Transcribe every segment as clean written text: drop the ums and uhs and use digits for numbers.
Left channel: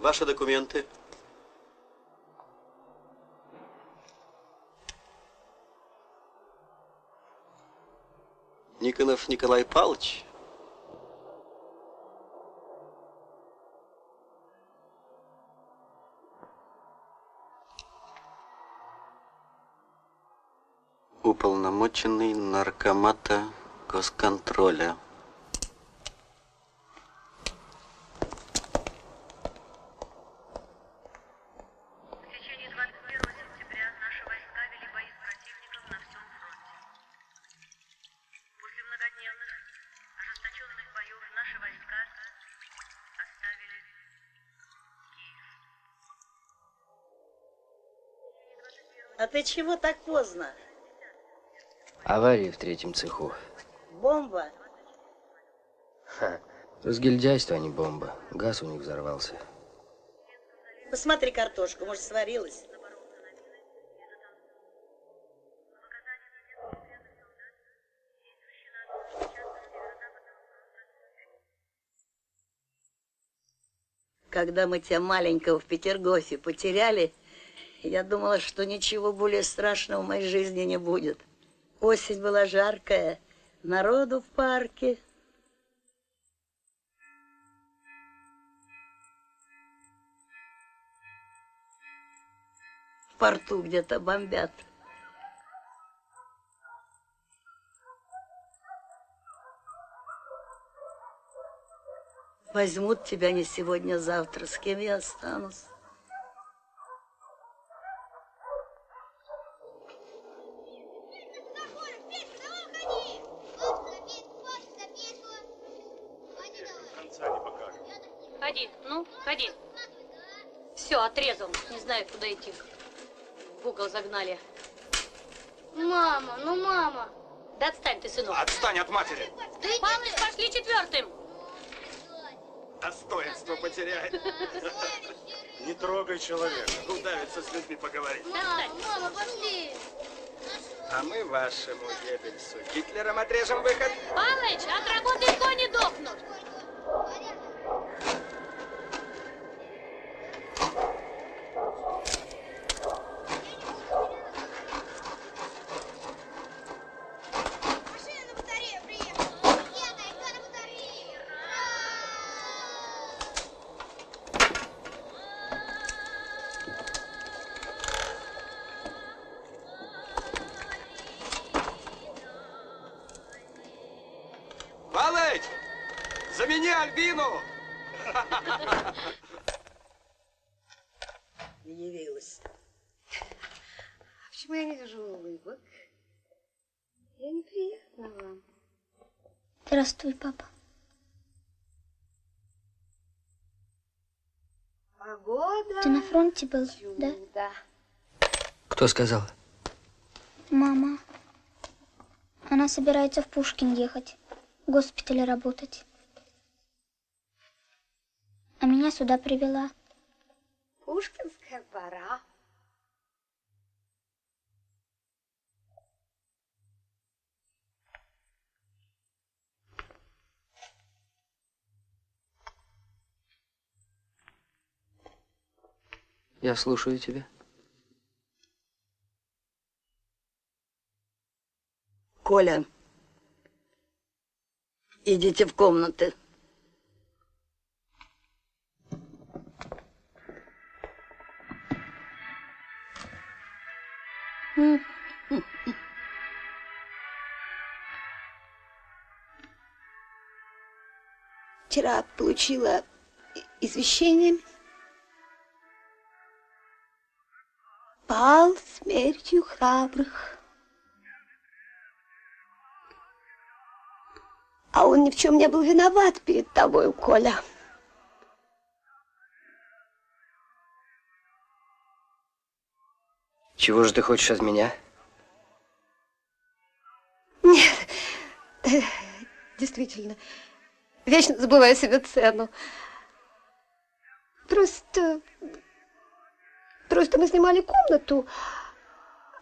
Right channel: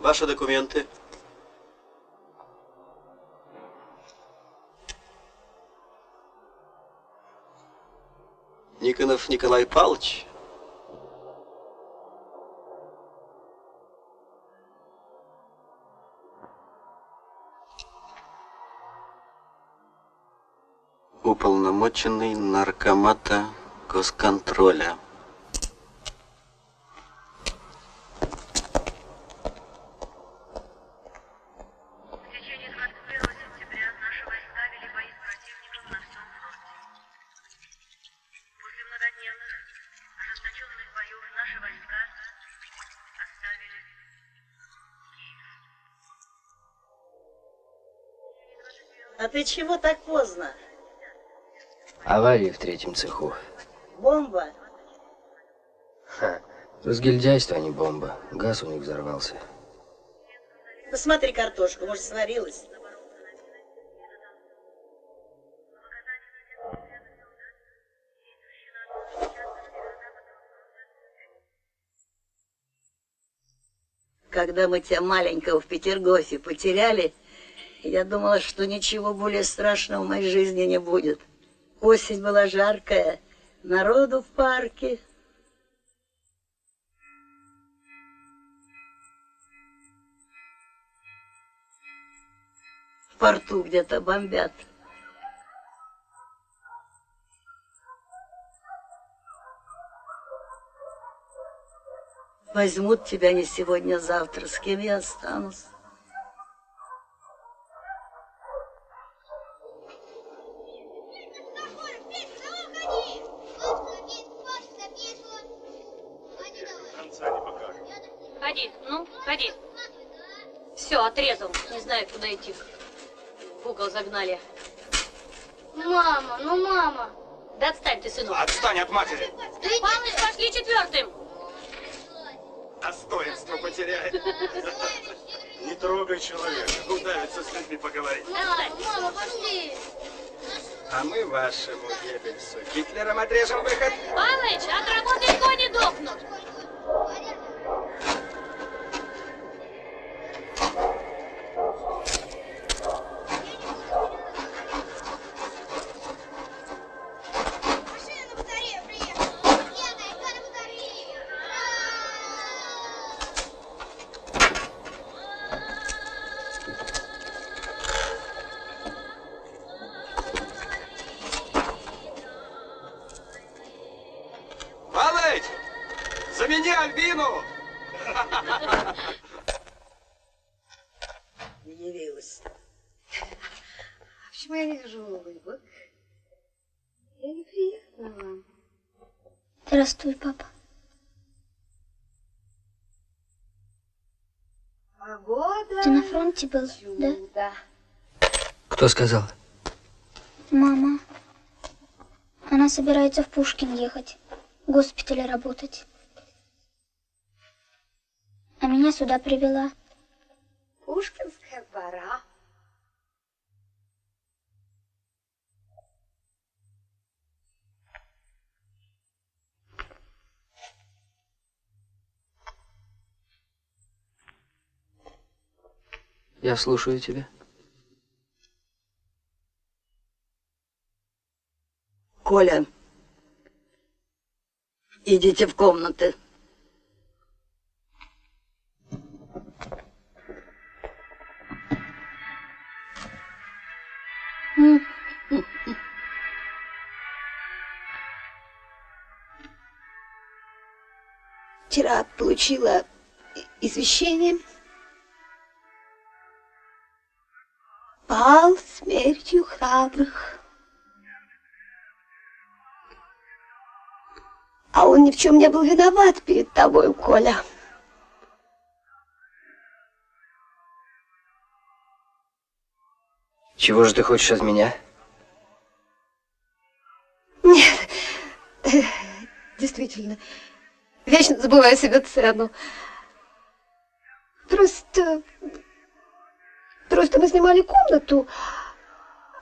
Ваши документы. Никонов Николай Павлович. Уполномоченный наркомата госконтроля. А ты чего так поздно? Авария в третьем цеху. Бомба? Ха. Разгильдяйство, а не бомба. Газ у них взорвался. Посмотри картошку, может, сварилась? Когда мы тебя маленького в Петергофе потеряли, я думала, что ничего более страшного в моей жизни не будет. Осень была жаркая, народу в парке. В порту где-то бомбят. Возьмут тебя не сегодня, завтра. С кем я останусь? Ходи, ну, ходи. Все, отрезал. Не знаю, куда идти. В угол загнали. Мама, ну мама. Да отстань ты, сынок. Отстань от матери. Павлович, пошли четвертым. Достоинство потеряет. Не трогай человека. Удавится с людьми поговорить. Мама, пошли. А А мы вашему Геббельсу Гитлером отрежем выход. Палыч, от работы кони дохнут. Машина на батарее приехала. Еда, кто на батарее? Палыч, замени Альбину. Явилась. Почему я не вижу улыбок? Я неприятна вам. Здравствуй, папа. Погода. Ты на фронте был, да? Да. Кто сказал? Мама. Она собирается в Пушкин ехать, в госпитале работать. А меня сюда привела. Пушкинская пора. Я слушаю тебя. Коля, идите в комнаты. Вчера получила извещение. Пал смертью храбрых. А он ни в чем не был виноват перед тобой, Коля. Чего же ты хочешь от меня? Нет, действительно, вечно забываю себе цену. Просто мы снимали комнату,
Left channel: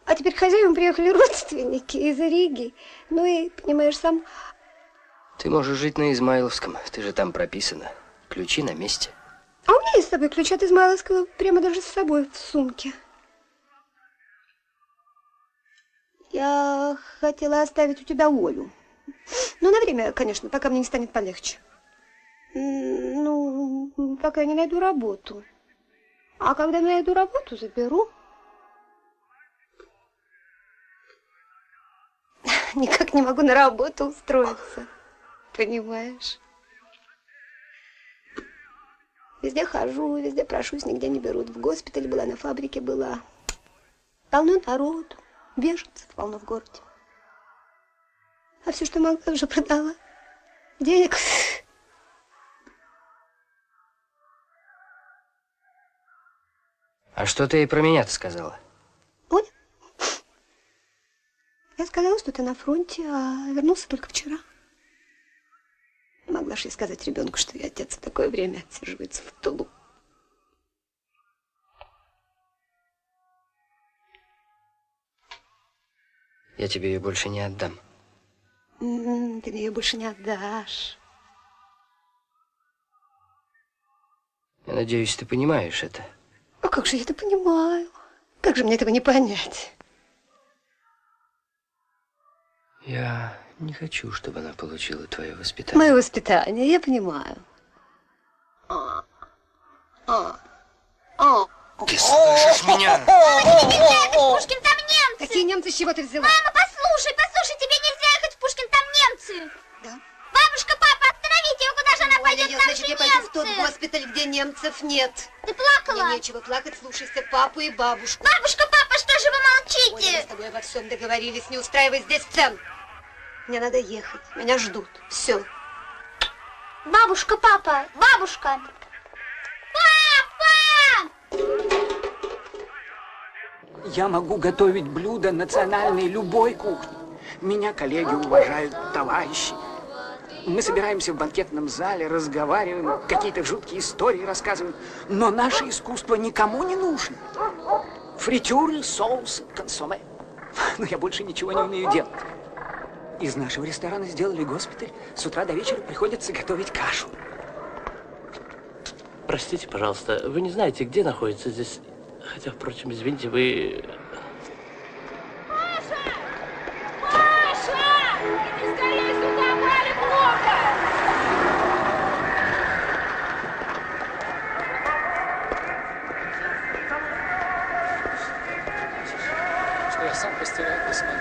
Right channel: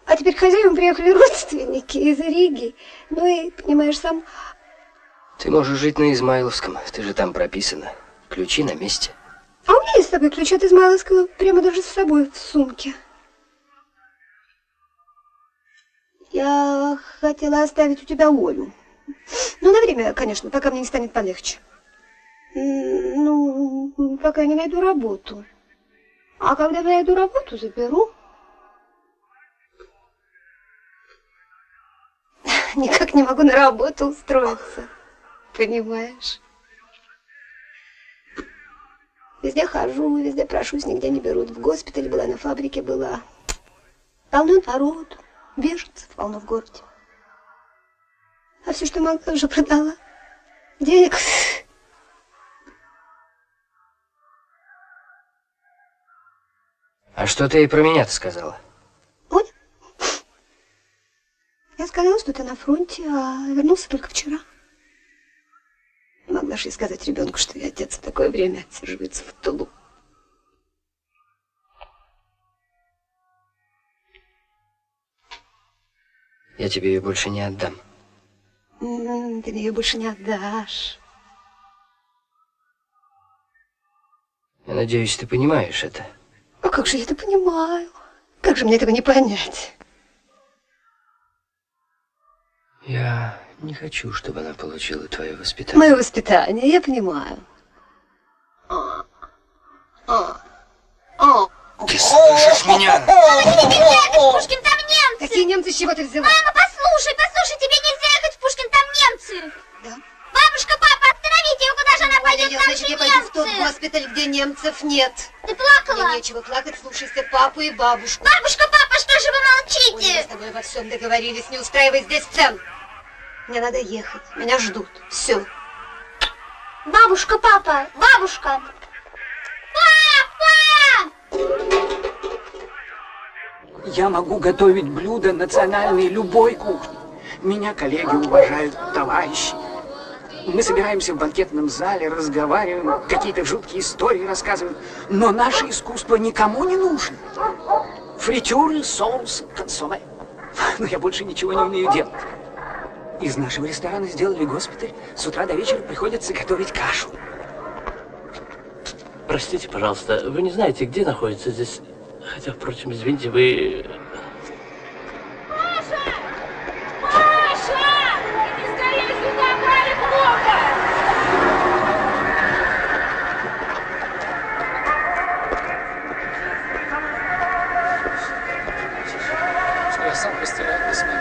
а теперь к хозяевам приехали родственники из Риги. Ну и, понимаешь, сам... Ты можешь жить на Измайловском, ты же там прописана. Ключи на месте. А у меня есть с собой ключ от Измайловского, прямо даже с собой в сумке. Я хотела оставить у тебя Олю. Ну, на время, конечно, пока мне не станет полегче. Ну, пока я не найду работу. А когда найду работу, заберу. Никак не могу на работу устроиться. Понимаешь? Везде хожу, везде прошусь, нигде не берут. В госпитале была, на фабрике была. Полно народу. Беженцев полно в городе. А все, что могла, уже продала. Денег. А что ты ей про меня-то сказала? Оля, я сказала, что ты на фронте, а вернулся только вчера. Не могла же я сказать ребенку, что я отец в такое время отсиживается в Тулу. Я тебе ее больше не отдам. Ты мне ее больше не отдашь. Я надеюсь, ты понимаешь это. А как же я это понимаю? Как же мне этого не понять? Я не хочу, чтобы она получила твое воспитание. Мое воспитание, я понимаю. Ты слышишь меня? Пушкин, там немцы! Какие немцы, с чего ты взяла? Мама, послушай, тебе нельзя ехать в Пушкин, там немцы! Да? Бабушка, папа, остановите ее, куда же она пойдет, там Значит, же я пойду в тот немцы! госпиталь, где немцев нет. Ты плакала? Мне нечего плакать, слушайся папу и бабушку. Бабушка, папа, что же вы Оля, мы молчите? с тобой обо всем договорились, не устраивай здесь сцен. Мне надо ехать, меня ждут. Все. Бабушка, папа, бабушка! Папа! Я могу готовить блюда национальной любой кухни. Меня коллеги уважают, товарищи. Мы собираемся в банкетном зале, разговариваем, какие-то жуткие истории рассказываем. Но наше искусство никому не нужно. Фритюры, соусы, консоме. Но я больше ничего не умею делать. Из нашего ресторана сделали госпиталь. С утра до вечера приходится готовить кашу. Простите, пожалуйста, вы не знаете, где находится здесь... Хотя, впрочем, извините, вы... Маша! Маша! Иди скорее сюда, Вале плохо! Что я сам постирать не смогу.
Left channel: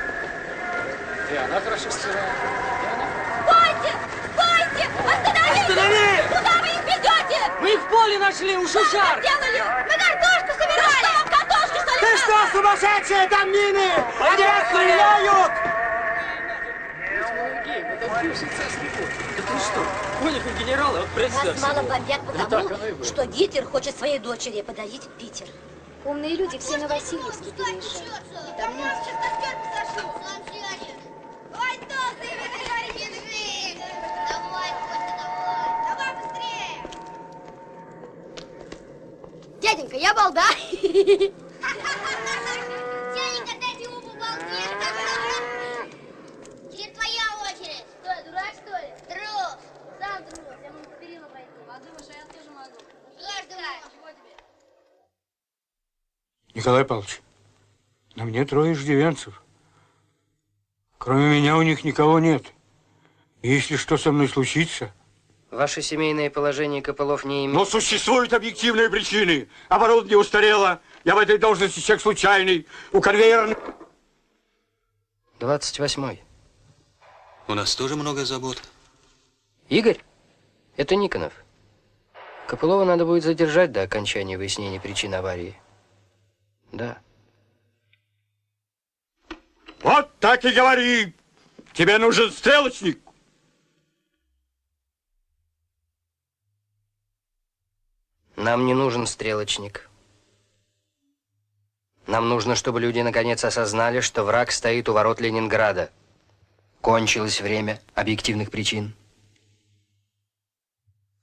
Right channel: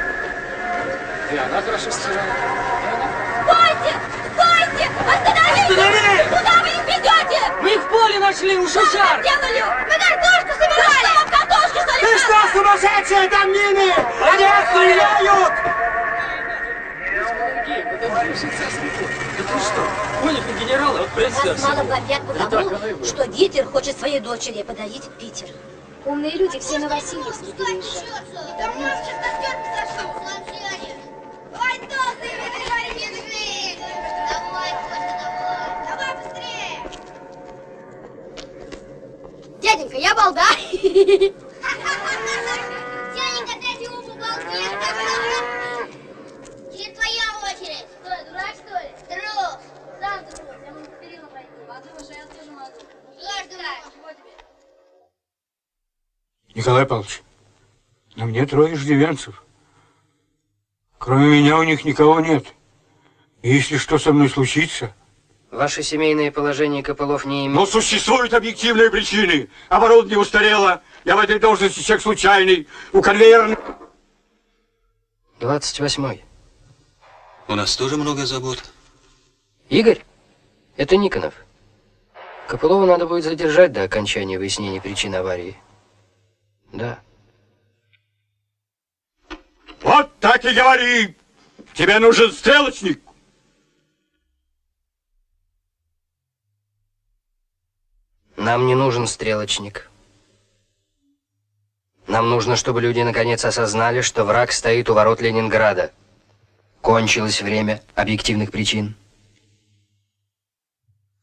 И она хорошо стирает. Стойте! Стойте! Остановитесь! Останови! Куда вы их ведете? Мы в поле нашли, уши жар! Делали! Мы картошку собирали! Да что вам картошки, что ли? Ты что, сумасшедшие, там мины! Они стреляют! Да ты что? Понял, как генералы, вот представь Нас мало себе. бомбят Так потому, оно и было. что Гитлер хочет своей дочери подарить Питер. Умные люди все на Васильевске переезжают. Там немцы. Ой, толстый, бежи! Давай, Костя, давай! Давай быстрее! Дяденька, я балда. Дяденька, дайте ему балде! Теперь твоя очередь! Что, я дурак, что ли? Трус! Сам трус! Я могу по перилам пройти. Подумаешь, а я тоже могу. Что ж ты можешь? Чего тебе? Николай Павлович, на мне 3 иждивенцев. Кроме меня у них никого нет. Если что со мной случится... Ваше семейное положение Копылов не имеет... Но существуют объективные причины. Оборудование устарело. Я в этой должности человек случайный. У конвейера... 28-й. У нас тоже много забот. Игорь? Это Никонов. Копылова надо будет задержать до окончания выяснения причин аварии. Да. Вот так и говори. Тебе нужен стрелочник. Нам не нужен стрелочник. Нам нужно, чтобы люди наконец осознали, что враг стоит у ворот Ленинграда. Кончилось время объективных причин.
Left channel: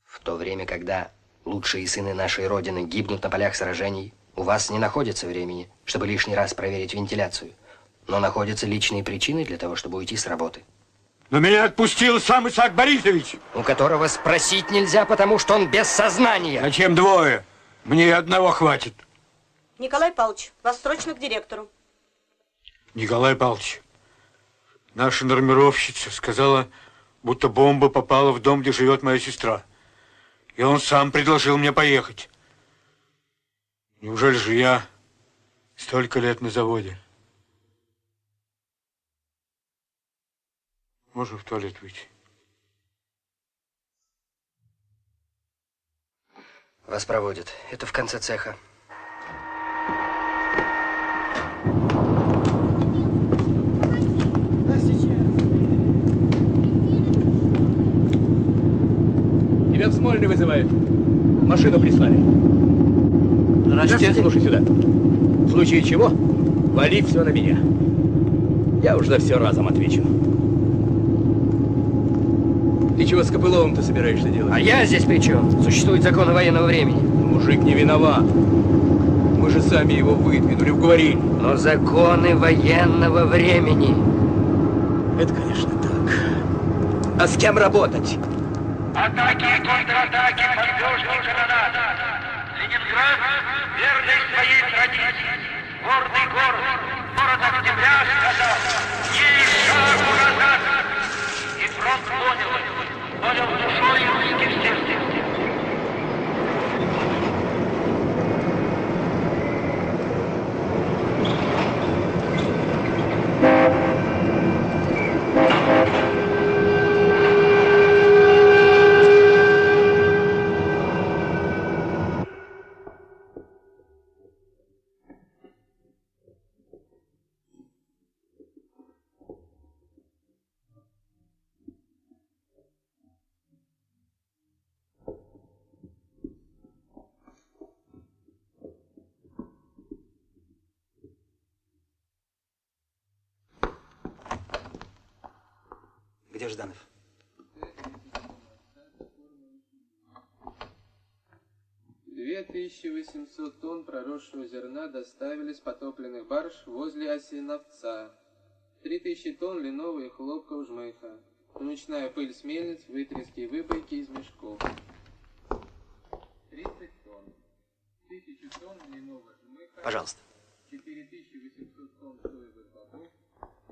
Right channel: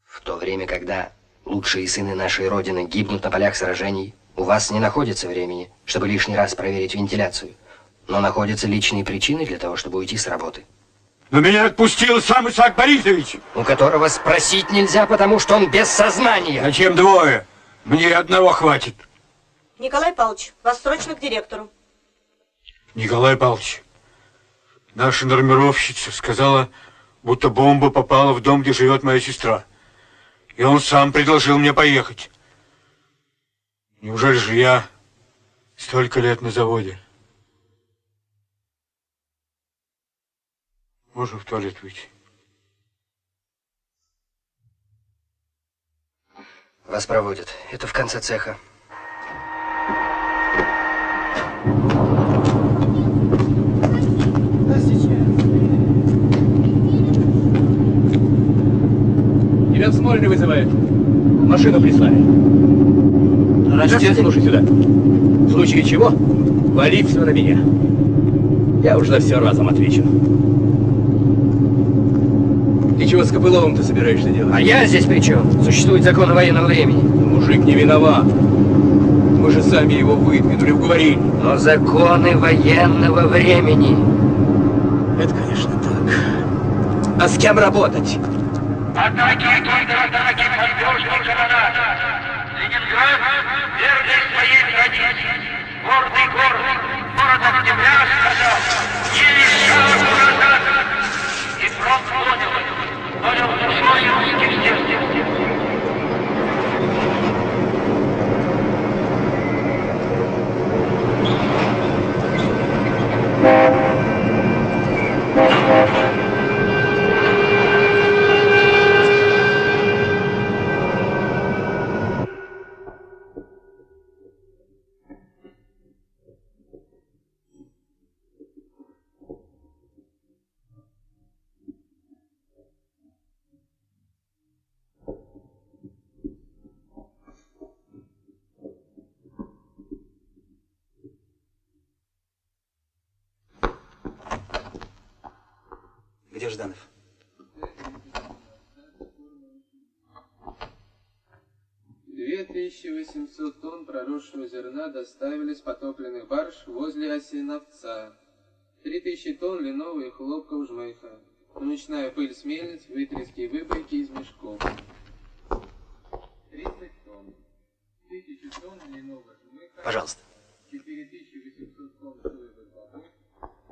В то время, когда лучшие сыны нашей Родины гибнут на полях сражений, у вас не находится времени, чтобы лишний раз проверить вентиляцию, но находятся личные причины для того, чтобы уйти с работы. Но меня отпустил сам Исаак Борисович. У которого спросить нельзя, потому что он без сознания. Зачем 2? Мне 1 хватит. Николай Павлович, вас срочно к директору. Николай Павлович, наша нормировщица сказала, будто бомба попала в дом, где живет моя сестра. И он сам предложил мне поехать. Неужели же я столько лет на заводе? Можно в туалет выйти? Вас проводят. Это в конце цеха. Тебя в Смольный вызывают. Машину прислали. Здравствуйте. Слушай сюда. В случае чего, вали все на меня. Я уж за все разом отвечу. Ты чего с Копыловым-то собираешься делать? А я здесь при чем? Существует закон военного времени. Мужик не виноват. Мы же сами его выдвинули, уговорили. Но законы военного времени. Это, конечно, так. А с кем работать? Атаки и контратаки, подвижные канонады. Ленинград, верный своей традиции, гордый город, город октября сказал, ни шагу назад. И фронт понял душой русских сердцем. Где Жданов? 2800 тонн проросшего зерна доставили с потопленных барж возле Осиновца. 3000 тонн льняного и хлопкового жмыха. Мучная пыль с мельниц, вытряски и выбойки из мешков. 30 тонн. 1000 тонн льняного жмыха. Пожалуйста. 4800 тонн соевых бобов.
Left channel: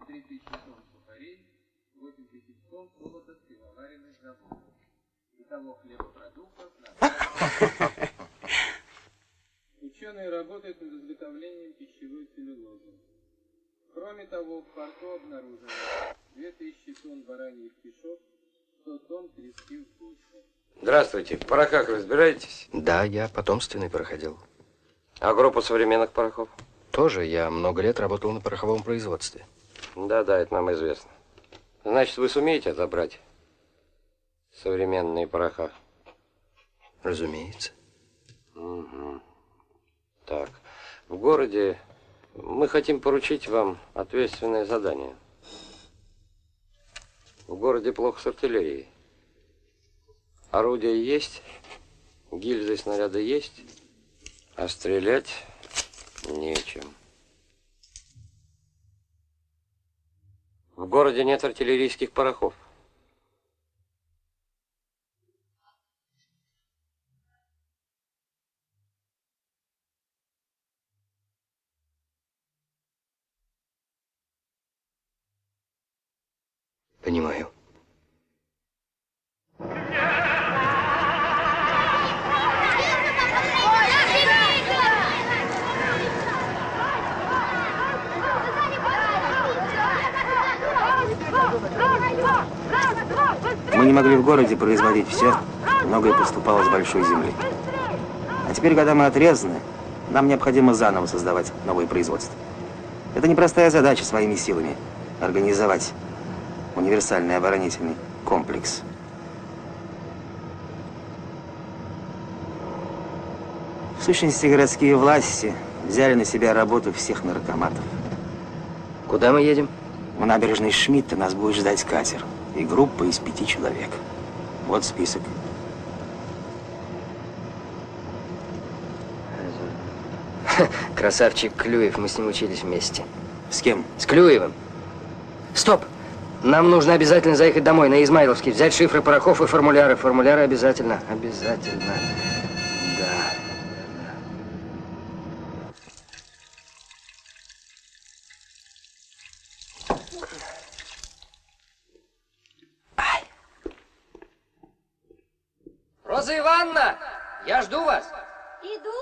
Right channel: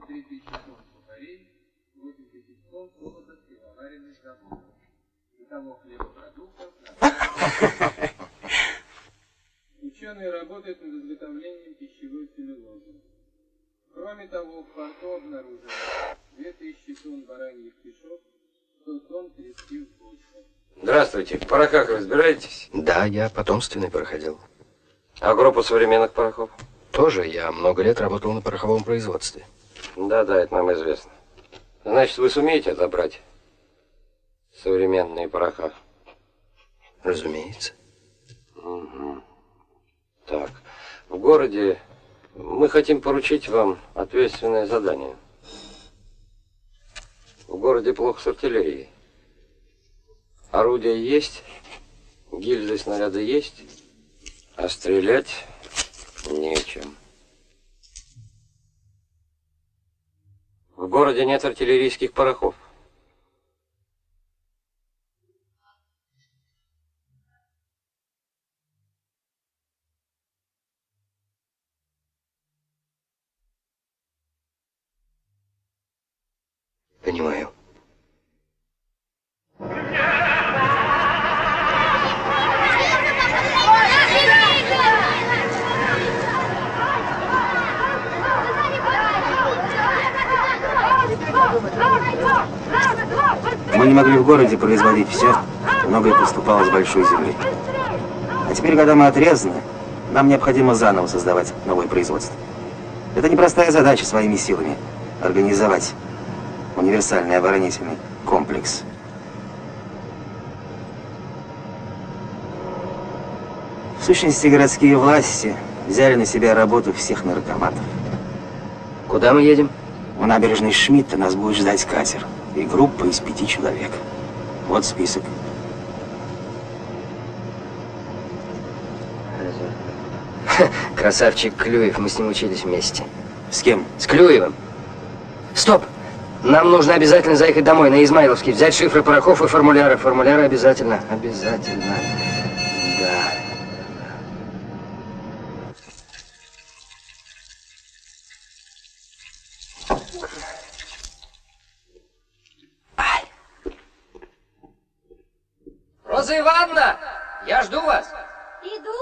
3000 тонн сухарей. 8000 тонн холода с пивоваренных заводов. Итого хлебопродуктов на... Ученые работают над изготовлением пищевой целлюлозы. Кроме того, в порту обнаружено 2000 тонн бараньих кишок, 100 тонн трески в почве. Здравствуйте. В порохах разбираетесь? Да, я потомственный пороходил. А группа современных порохов? Тоже. Я много лет работал на пороховом производстве. Да, это нам известно. Значит, вы сумеете отобрать современные пороха? Разумеется. Угу. Так, в городе мы хотим поручить вам ответственное задание. В городе плохо с артиллерией. Орудия есть, гильзы, снаряды есть, а стрелять нечем. В городе нет артиллерийских порохов. Понимаю. Мы не могли в городе производить все, многое поступало с большой земли. А теперь, когда мы отрезаны, нам необходимо заново создавать новое производство. Это непростая задача своими силами – организовать универсальный оборонительный комплекс. В сущности, городские власти взяли на себя работу всех наркоматов. Куда мы едем? У набережной Шмидта нас будет ждать катер и группа из 5 человек. Вот список. Красавчик Клюев, мы с ним учились вместе. С кем? С Клюевым. Стоп! Нам нужно обязательно заехать домой, на Измайловский, взять шифры порохов и формуляры. Формуляры обязательно. Обязательно. Да. Роза Ивановна, я жду вас. Иду.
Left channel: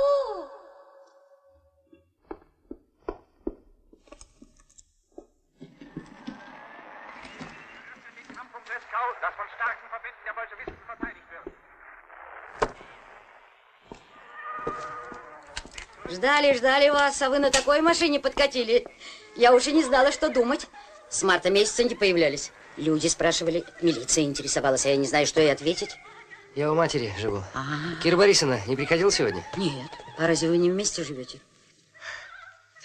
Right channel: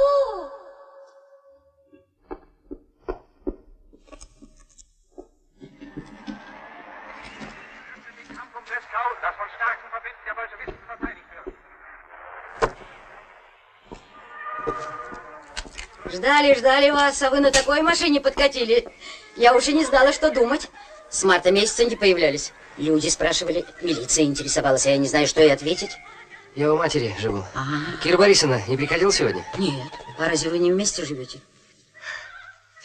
Das von starken Verbänden der Bolschewisten verteidigt wird. Ждали вас, а вы на такой машине подкатили. Я уже не знала, что думать. С марта месяца не появлялись. Люди спрашивали, милиция интересовалась, а я не знаю, что и ответить. Я у матери живу. Кира Борисовна не приходила сегодня? Нет. А разве вы не вместе живете?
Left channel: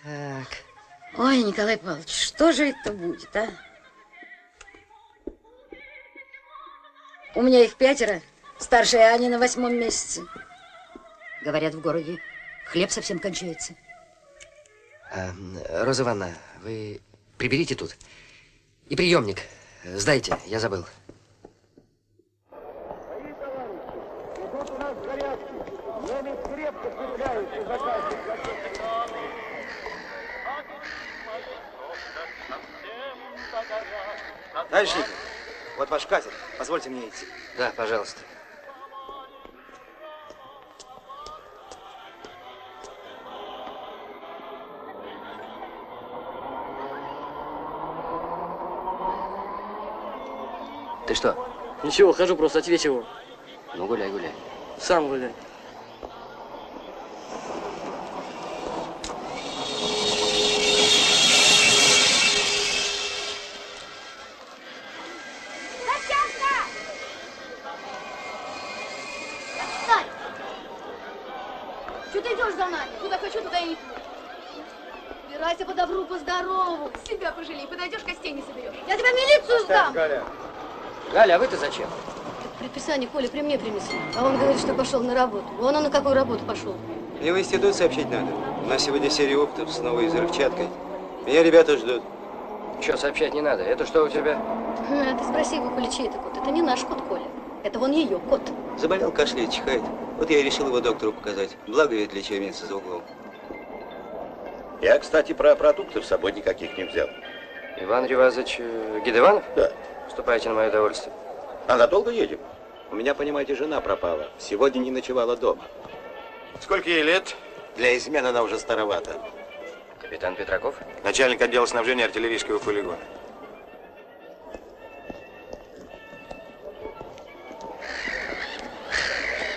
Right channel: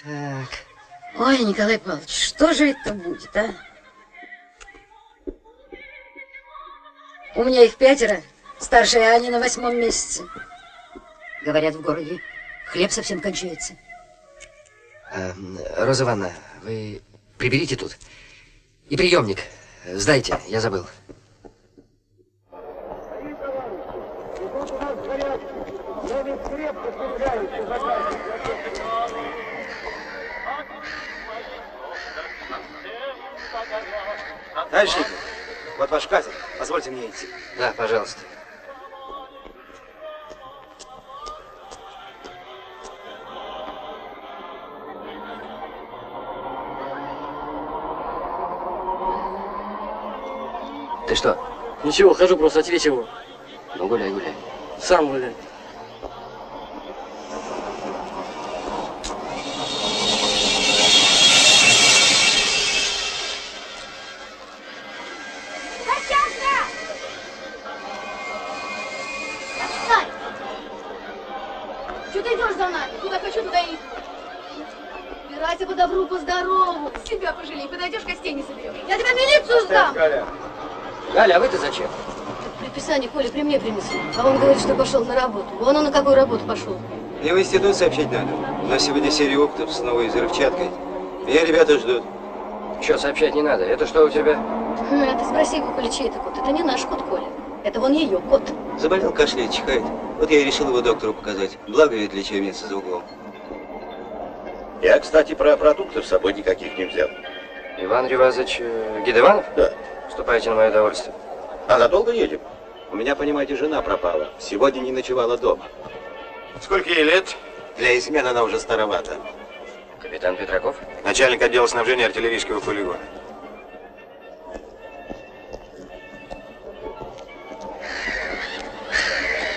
Так. Ой, Николай Павлович, что же это будет, а? У меня их 5, старшая Аня на 8-м месяце. Говорят, в городе хлеб совсем кончается. Роза Ивановна, вы приберите тут. И приемник. Сдайте, я забыл. Товарищ Николай, вот ваш катер. Позвольте мне идти. Да, пожалуйста. Ты что? Ничего, хожу просто, а тебе чего? Ну, гуляй, гуляй. Сам гуляй. Что ты идешь за нами? Куда хочу, туда и иду. Убирайся по добру, по здорову. Себя пожалей, подойдешь, костей не соберешь. Я тебя в милицию сдам. Галя, а вы-то зачем? Предписание Коля при мне принесли. А он говорит, что пошел на работу. Вон он на какую работу пошел. Мне в институт сообщить надо. У нас сегодня серия опытов с новой взрывчаткой. Меня ребята ждут. Что, сообщать не надо? Это что у тебя? Ты спроси его, Коля, чей это кот. Это не наш кот, Коля. Это вон ее кот. Заболел, кашляет, чихает. Вот я и решил его доктору показать. Благо, ведь лечебница за углом. Я, кстати, про продуктов с собой никаких не взял. Иван Ревазович Гидеванов? Да. Вступайте на мое удовольствие. А надолго едем? У меня, понимаете, жена пропала. Сегодня не ночевала дома. Сколько ей лет? Для измены она уже старовата. Капитан Петраков? Начальник отдела снабжения артиллерийского полигона.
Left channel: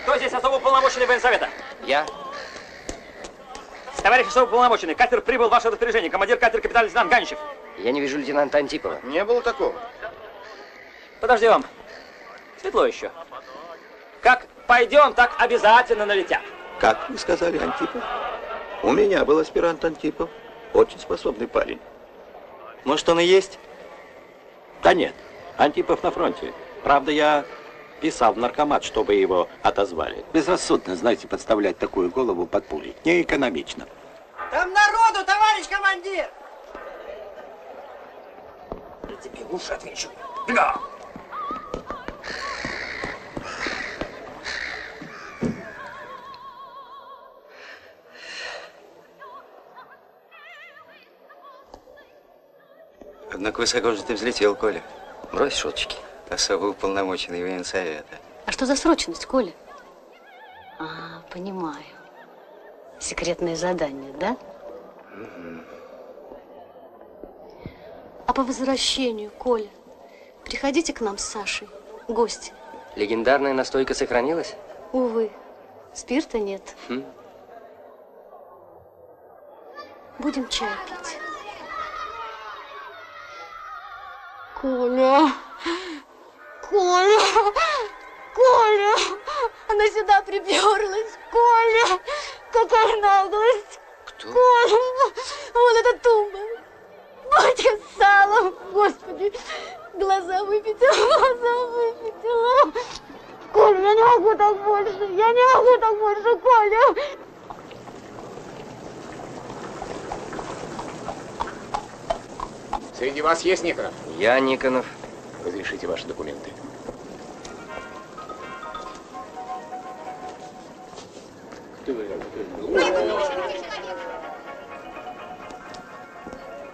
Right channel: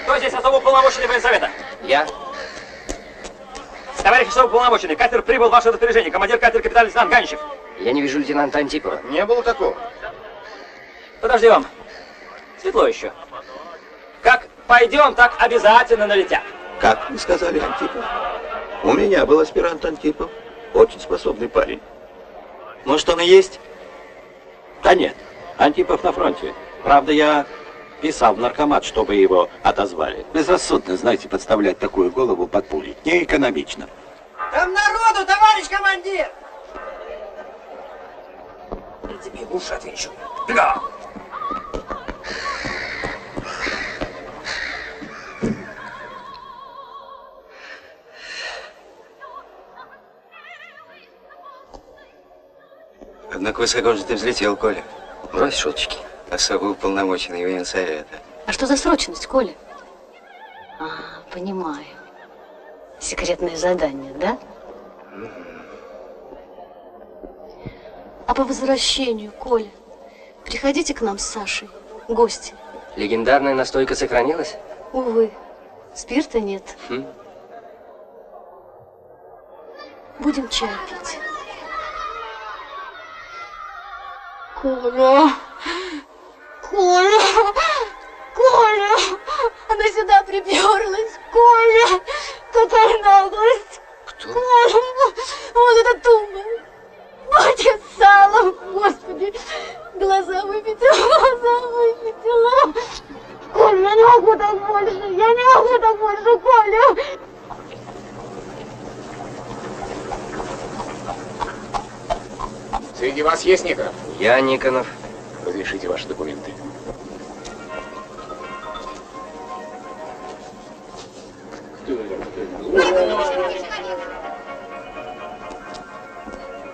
Кто здесь особо уполномоченный военсовета? Я. Товарищ особо уполномоченный, катер прибыл в ваше распоряжение. Командир катера капитан лейтенант Ганичев. Я не вижу лейтенанта Антипова. Не было такого. Подождем. Светло еще. Как пойдем, так обязательно налетят. Как вы сказали, Антипов? У меня был аспирант Антипов. Очень способный парень. Может, он и есть? Да нет, Антипов на фронте. Правда, я писал в наркомат, чтобы его отозвали. Безрассудно, знаете, подставлять такую голову под пули. Не экономично. Там народу, товарищ командир! Я тебе лучше отвечу. Да. Однако высоко же ты взлетел, Коля. Брось шуточки. Особо уполномоченный военсовета. А что за срочность, Коля? Понимаю. Секретное задание, да? А по возвращению, Коля, приходите к нам с Сашей, гости. Легендарная настойка сохранилась? Увы, спирта нет. Будем чай пить. Коля! Коля! Коля! Она сюда приперлась! Коля! Какая наглость! Кто? Коля! Вон эта тумба! Батька с салом! Господи! Глаза выпятила! Коля, я не могу так больше! Я не могу так больше, Коля! Среди вас есть Никонов? Я Никонов. Разрешите ваши документы.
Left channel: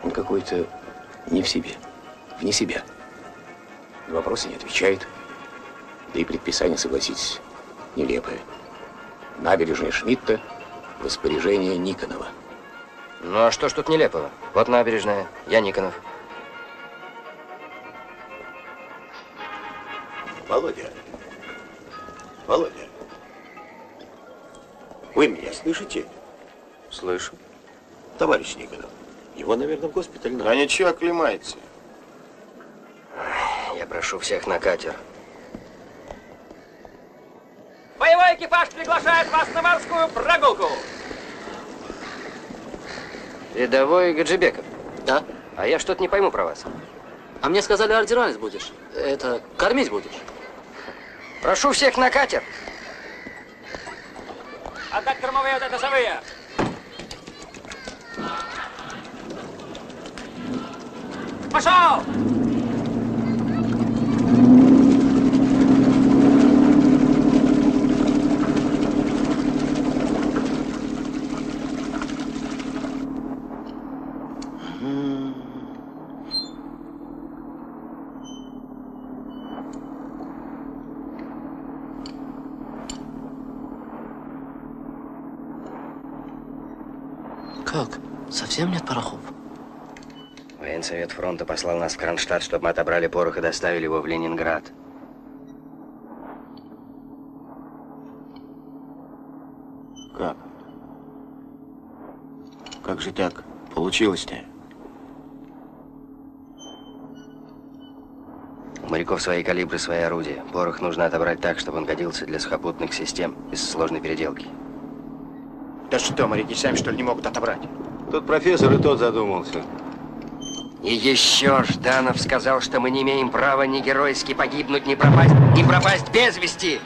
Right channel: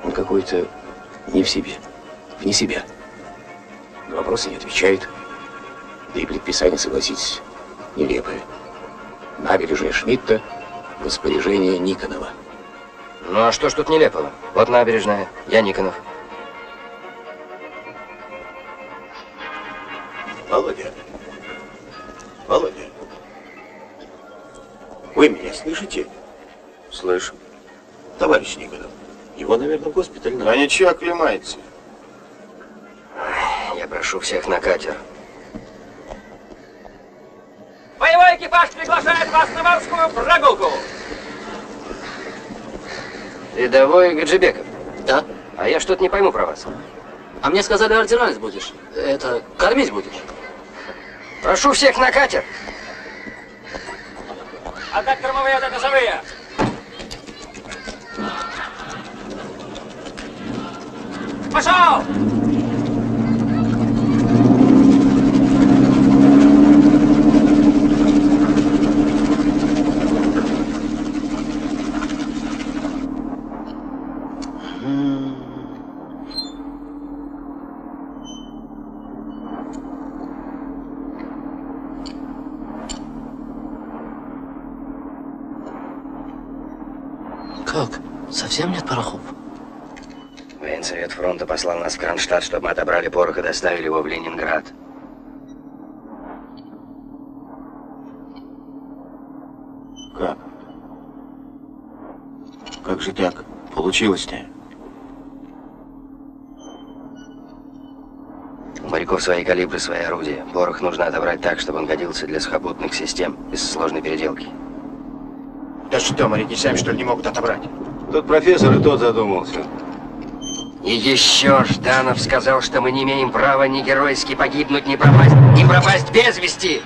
Он какой-то не в себе, вне себя. На вопросы не отвечает. Да и предписание, согласитесь, нелепое. Набережная Шмидта, распоряжение Никонова. Ну а что ж тут нелепого? Вот набережная, я Никонов. Володя. Володя. Вы меня слышите? Слышу. Товарищ Никонов. Его, наверное, в госпиталь надо. А ничего, оклемается. Я прошу всех на катер. Боевой экипаж приглашает вас на морскую прогулку. Рядовой Гаджибеков. Да? А я что-то не пойму про вас. А мне сказали, ординарец будешь. Это, кормить будешь. Прошу всех на катер. Отдать кормовые, отдать носовые. Пошел! Как? Совсем нет порохов? Военсовет фронта послал нас в Кронштадт, чтобы мы отобрали порох и доставили его в Ленинград. Как? Как же так получилось-то? У моряков свои калибры, свои орудия. Порох нужно отобрать так, чтобы он годился для сухопутных систем, без сложной переделки. Да что, моряки сами, что ли, не могут отобрать? Тут профессор и тот задумался. И еще Жданов сказал, что мы не имеем права ни геройски погибнуть, ни пропасть без вести.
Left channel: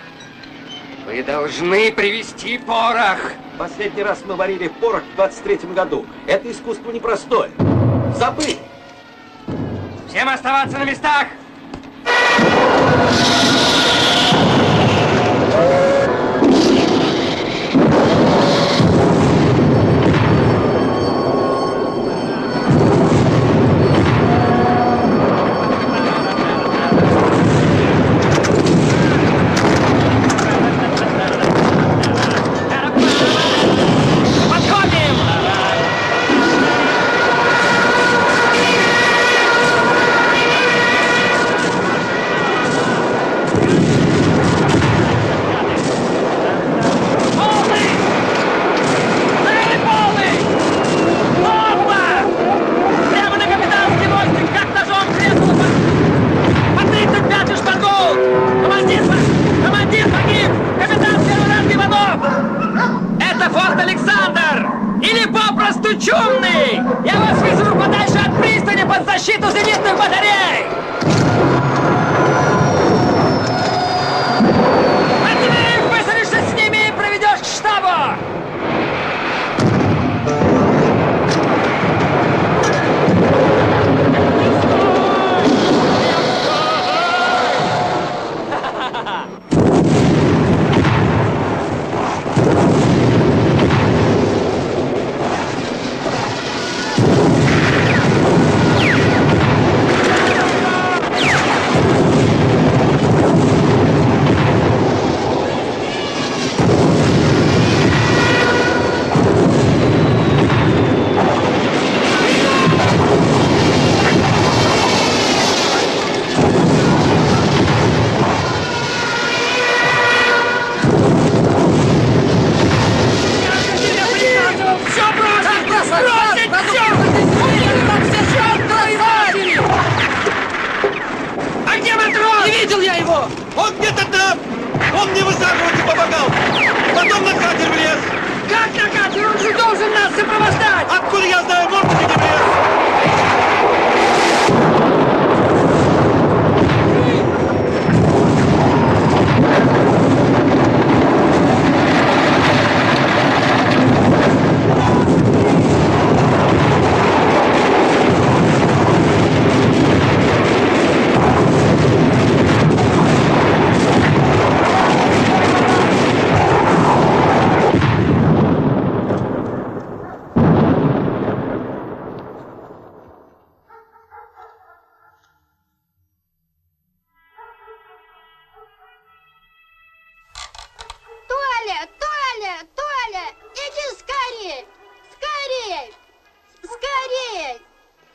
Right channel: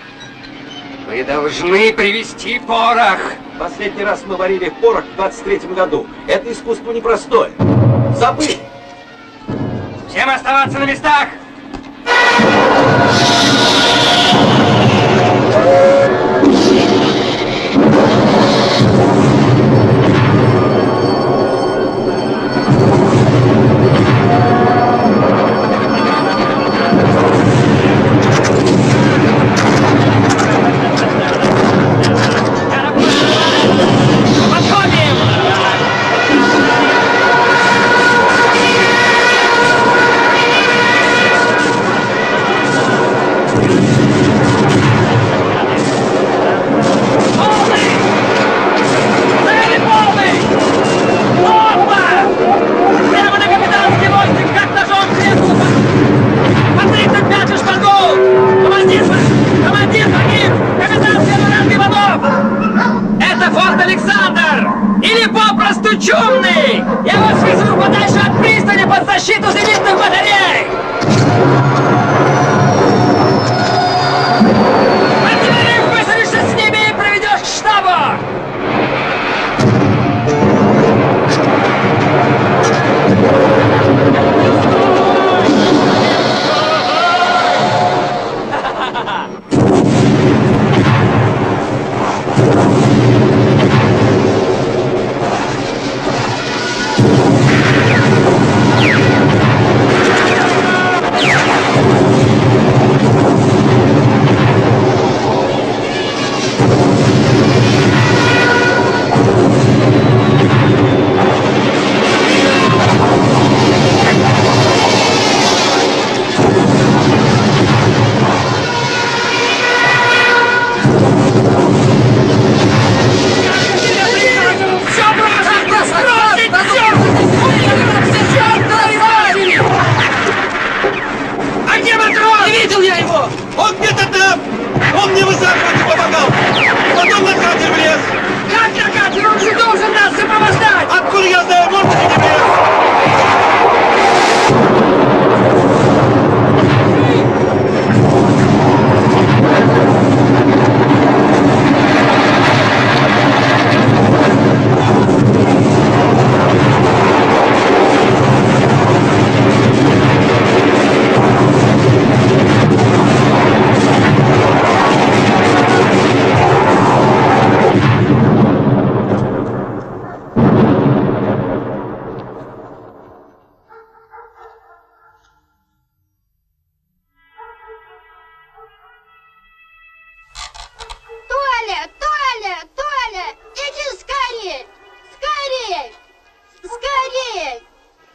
Вы должны привезти порох. Последний раз мы варили порох в 23-м году. Это искусство непростое. Забыть! Всем оставаться на местах!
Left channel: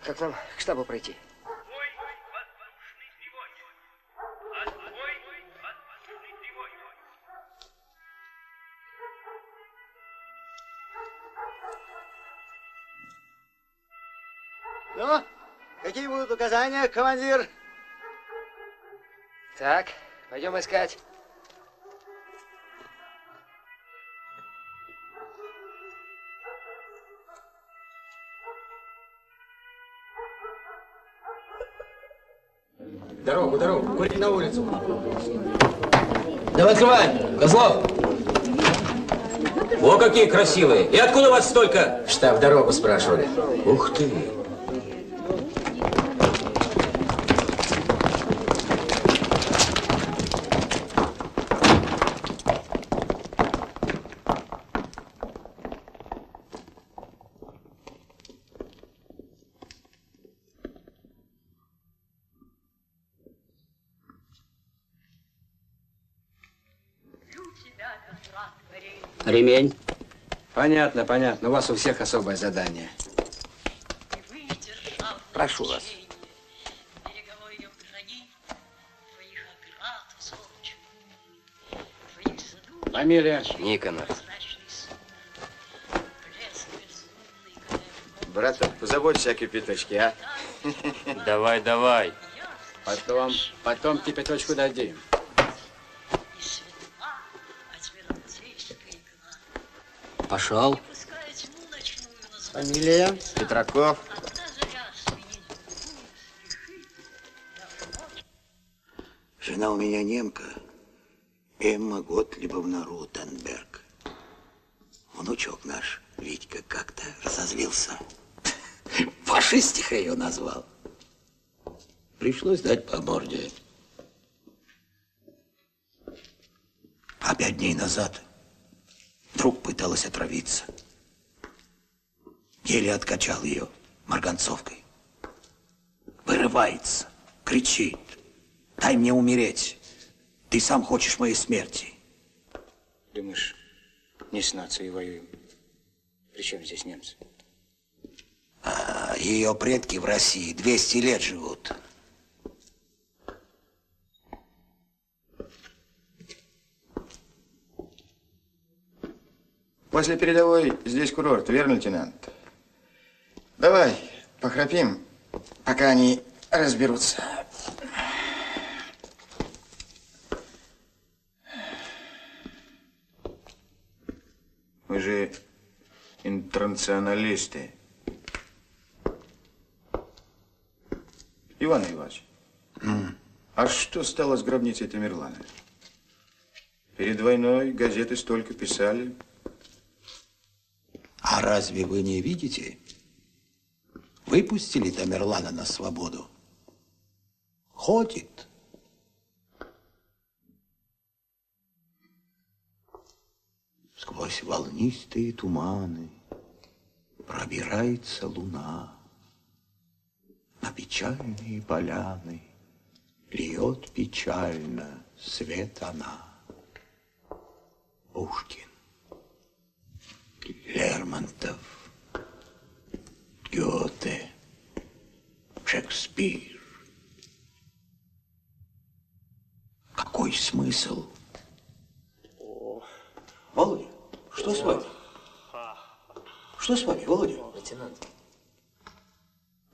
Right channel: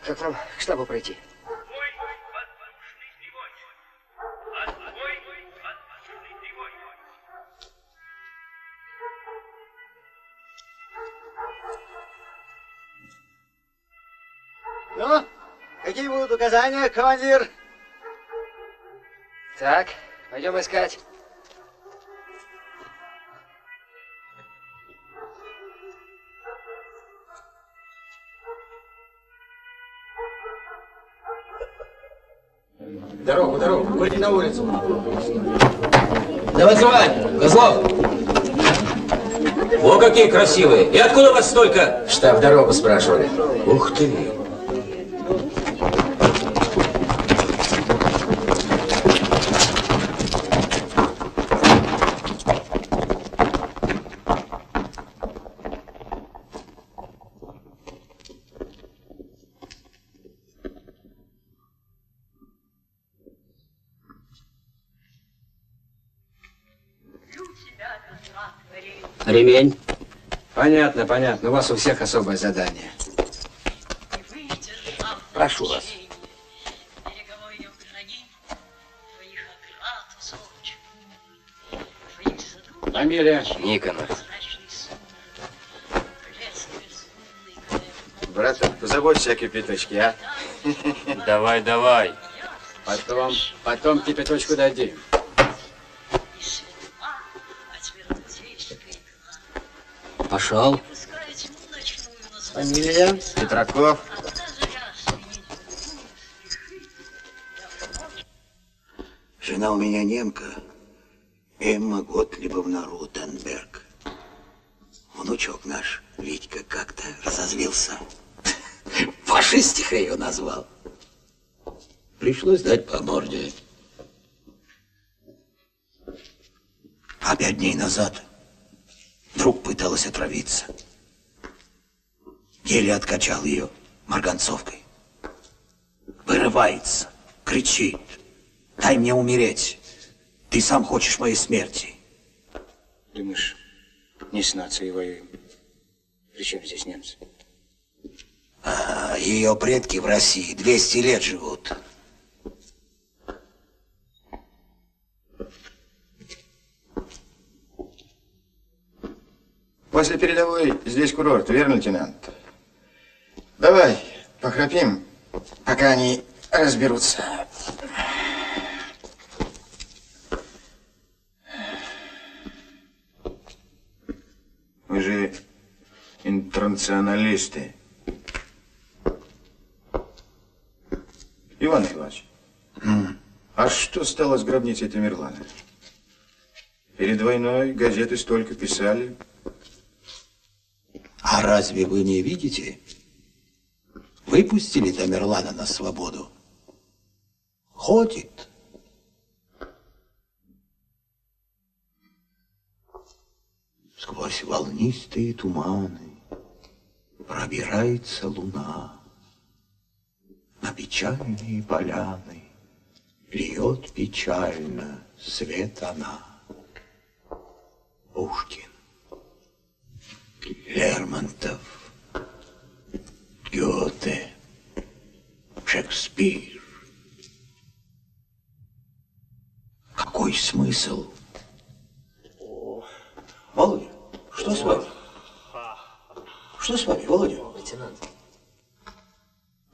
Как нам к штабу пройти? Ну, какие будут указания, командир? Так, пойдем искать. Дорогу, курить на улицу. Давай открывай, Козлов. О, какие красивые. И откуда вас столько? В штаб дорогу спрашивали. Ух ты. Ремень. Понятно, понятно. У вас у всех особое задание. Прошу вас. Фамилия? Никонов. Брат, позаботься о кипяточке, а? Давай, давай. Потом кипяточку дадим. Пошел. Фамилия? Петраков. Жена у меня немка, Эмма Готлибовна Рутенберг. Внучок наш, Витька, как-то разозлился. Фашистиха ее назвал. Пришлось дать по морде. А 5 дней назад вдруг пыталась отравиться. Еле откачал ее марганцовкой. Вырывается, кричит: дай мне умереть. Ты сам хочешь моей смерти. Думаешь, не с нацией воюем? Причем здесь немцы? А ее предки в России 200 лет живут. После передовой здесь курорт, верно, лейтенант? Давай, похрапим, пока они разберутся. Вы же интернационалисты. Иван Иванович, а что стало с гробницей Тамерлана? Перед войной газеты столько писали. А разве вы не видите? Выпустили Тамерлана на свободу. Ходит. Сквозь волнистые туманы пробирается луна. На печальные поляны льет печально свет она. Пушкин, Лермонтов, Гёте, Шекспир. Какой смысл? Володя, что с вами? Что с вами, Володя? Лейтенант.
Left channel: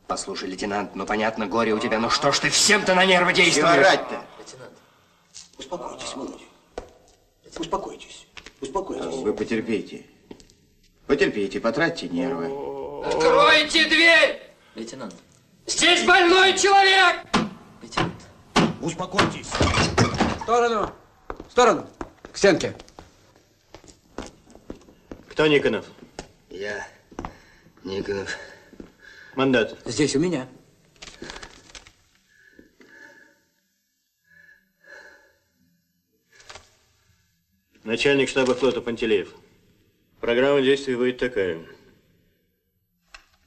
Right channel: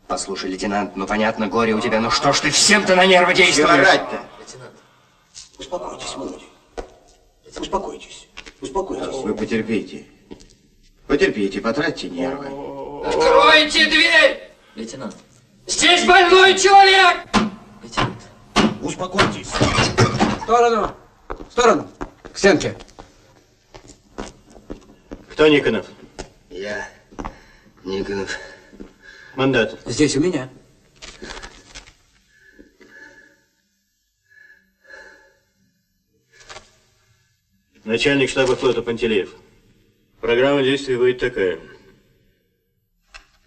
Послушай, лейтенант, ну понятно, горе у тебя, ну что ж ты всем-то на нервы действуешь? Чего орать-то? Лейтенант. Успокойтесь, Володя. Успокойтесь. Успокойтесь. Вы потерпите. Потерпите, потратьте нервы. Откройте дверь! Лейтенант. Здесь больной человек! Лейтенант. Успокойтесь. В сторону! В сторону! К стенке! Кто Никонов? Я, Никонов. Мандат. Здесь у меня. Начальник штаба флота Пантелеев. Программа действий будет такая.